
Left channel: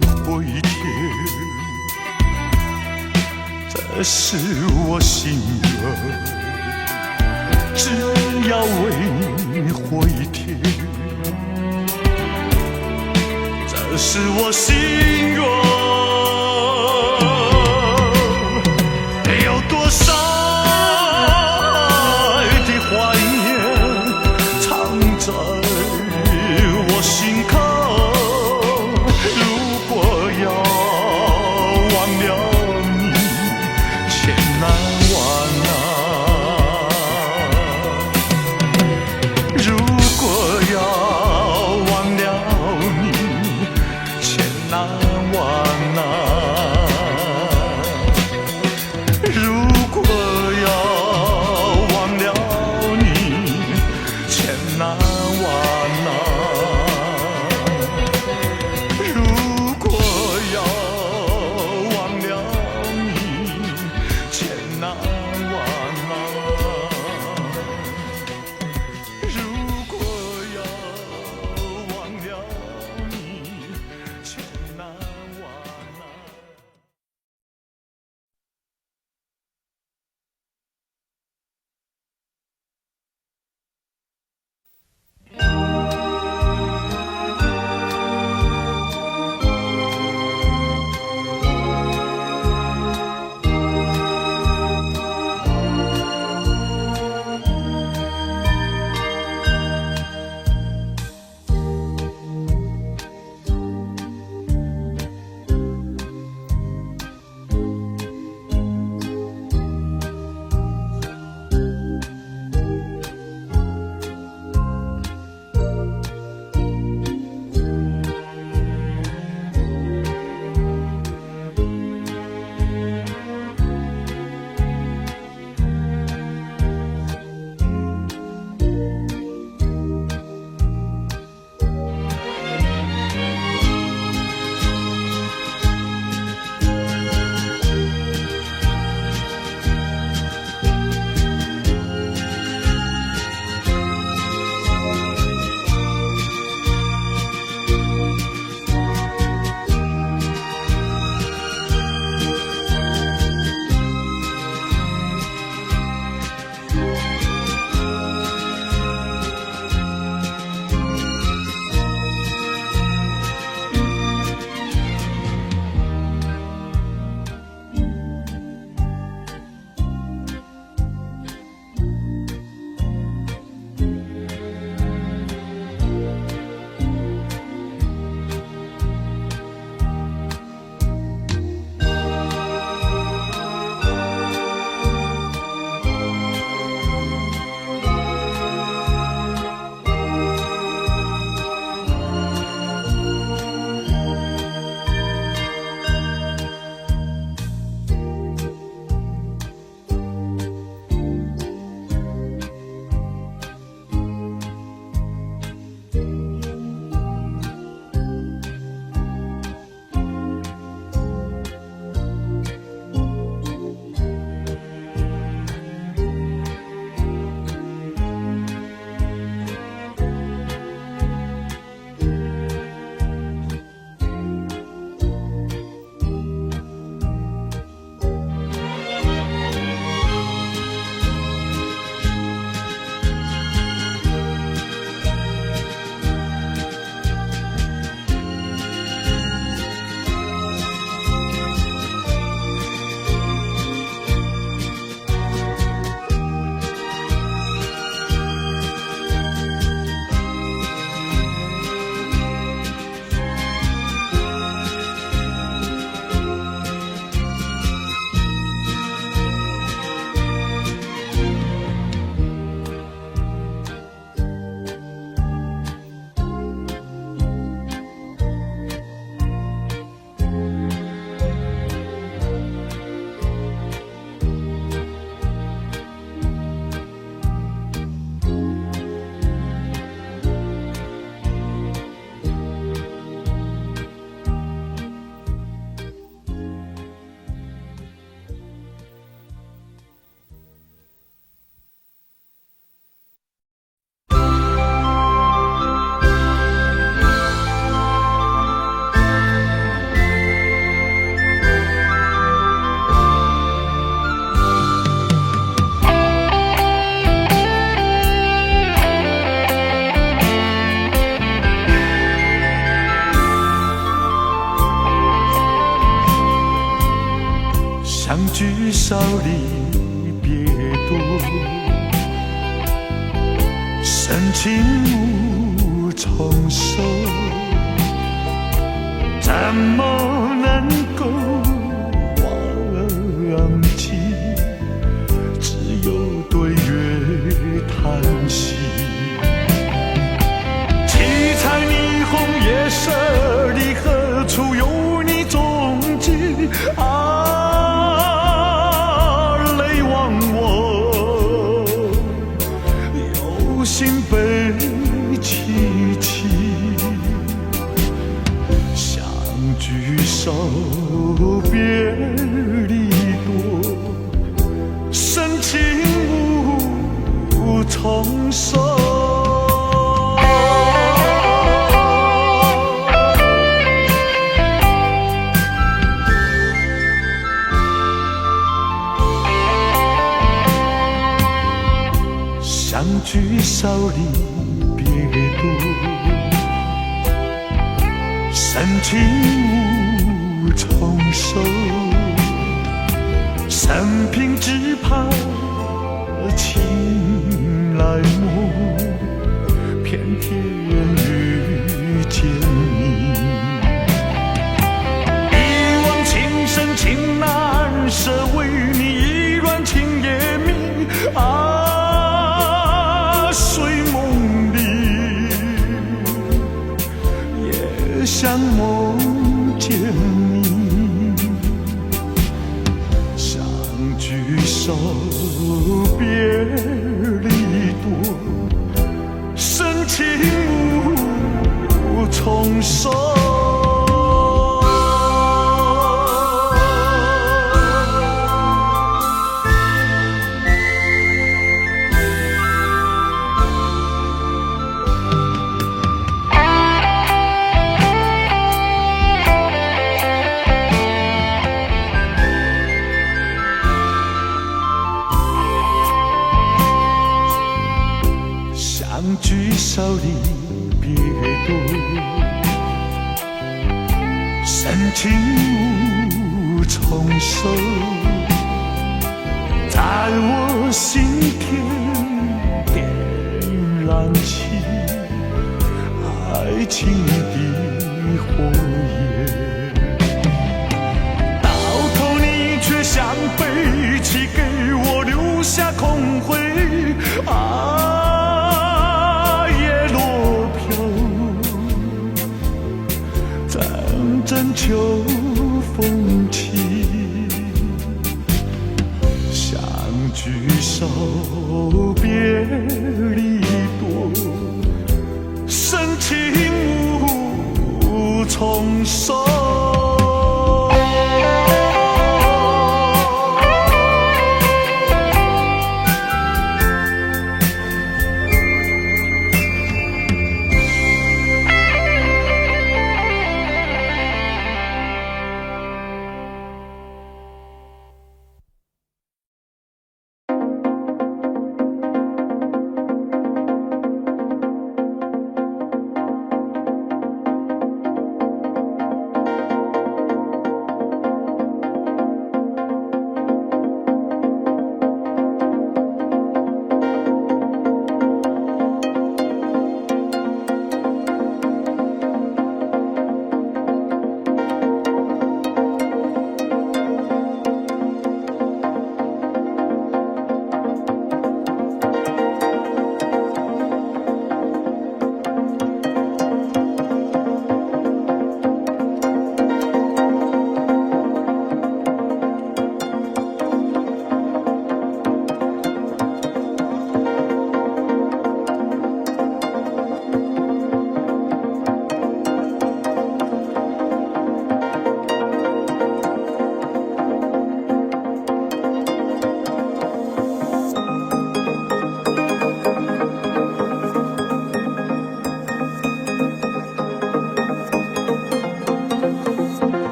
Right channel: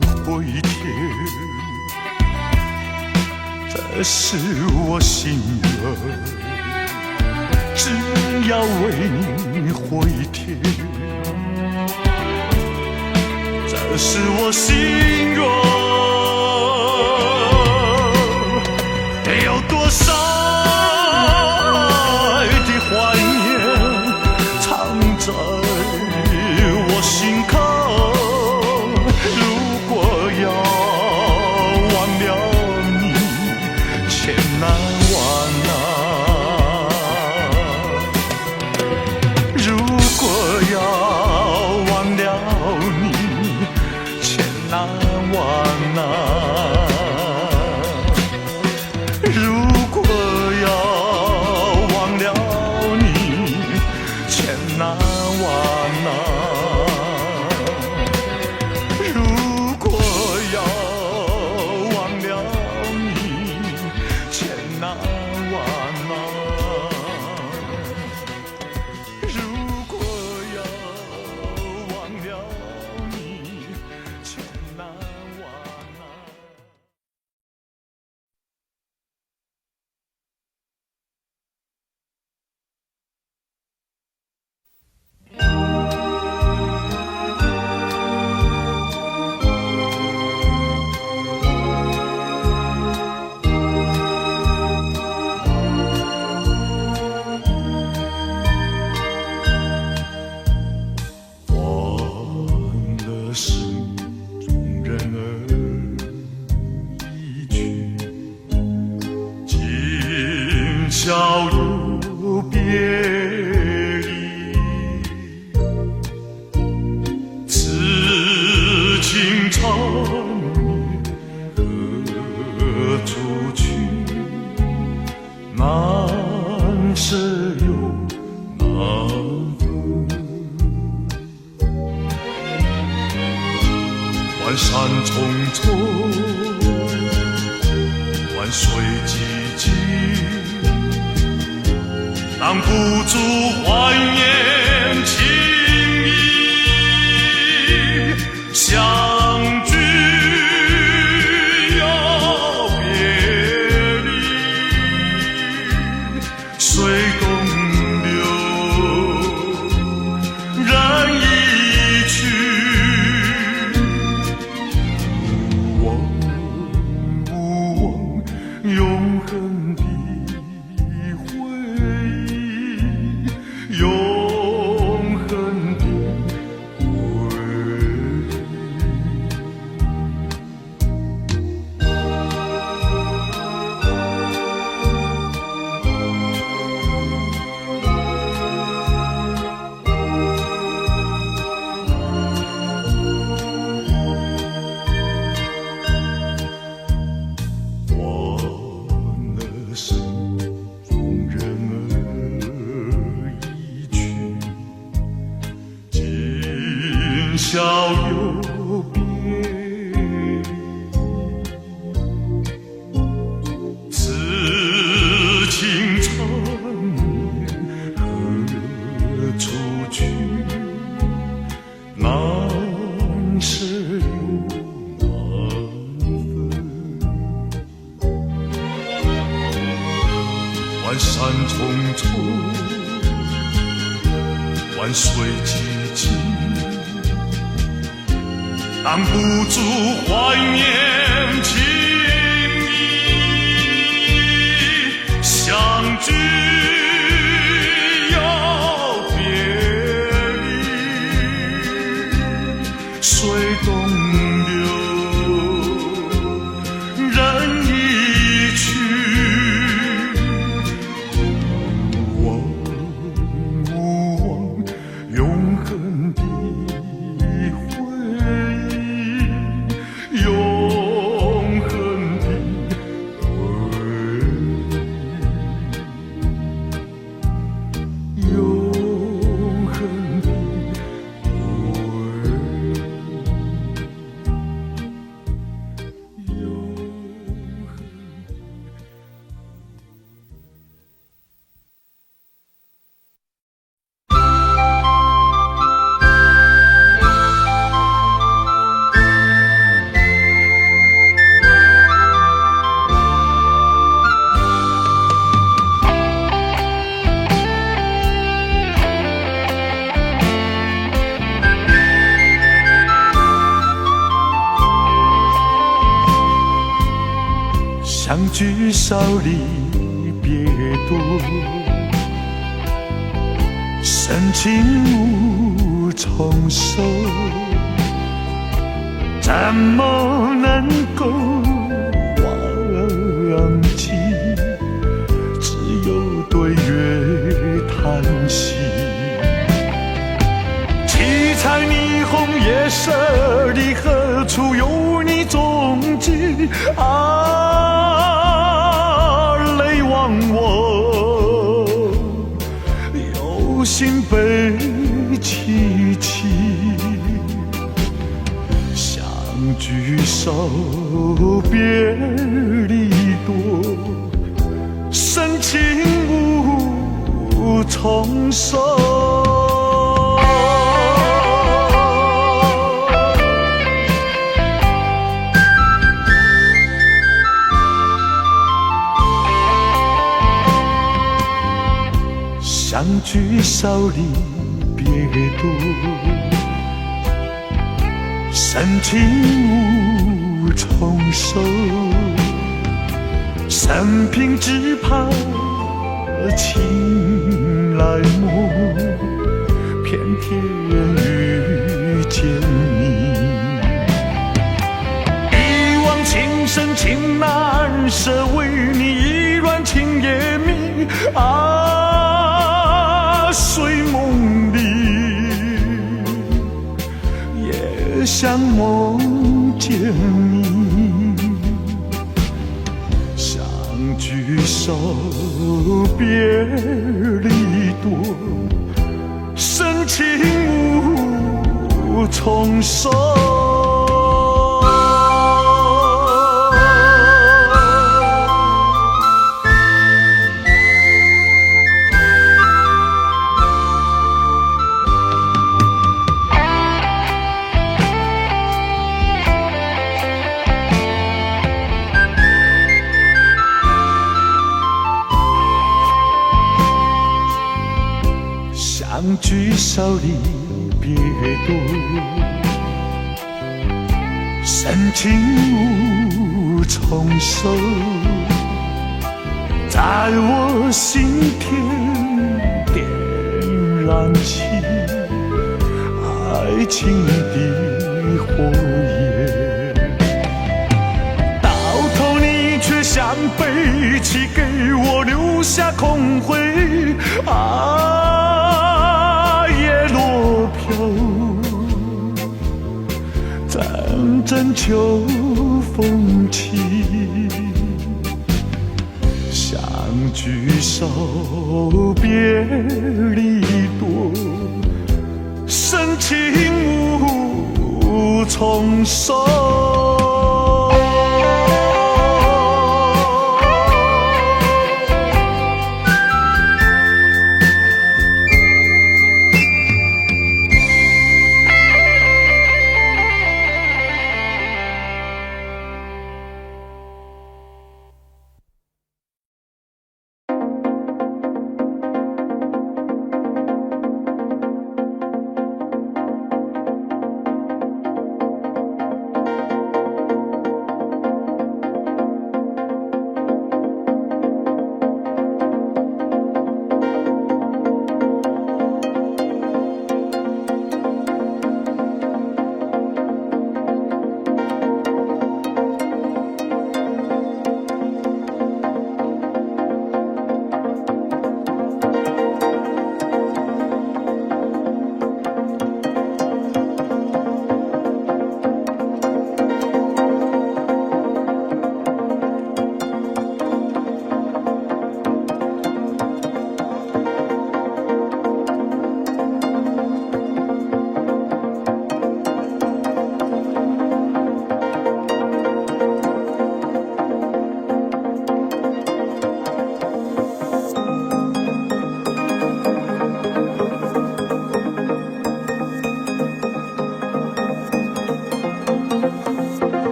你活一天，这是我心愿。只要为你活一天，这是我心愿。有多少爱的怀念藏在我心坎，难。小有别，此情长何处去？难舍难分。万山重重，万水寂寂，挡不住怀念情意。相聚又别离，水东流，人已去。永恒的回忆，永恒的永恒的相聚少离别多，深情无从收，怎么能够忘记？只有对月叹息。七彩霓虹夜色里，何处有你踪迹？泪忘我，有心悲戚戚。相聚少，别离多，深情无从收。相聚少离别多，深情无从收。生平只盼情来陌，偏偏遇见你。一往情深情难舍，为你意乱情也迷。睡梦里，也想梦见你。相聚少，别离多，深情无从收。相聚少离别多，深情无从收。在我心田点燃起爱情的火焰，到头你却像背弃，给我留下空灰。叶落飘，阵阵秋风起。相聚少，别离多，深情重收。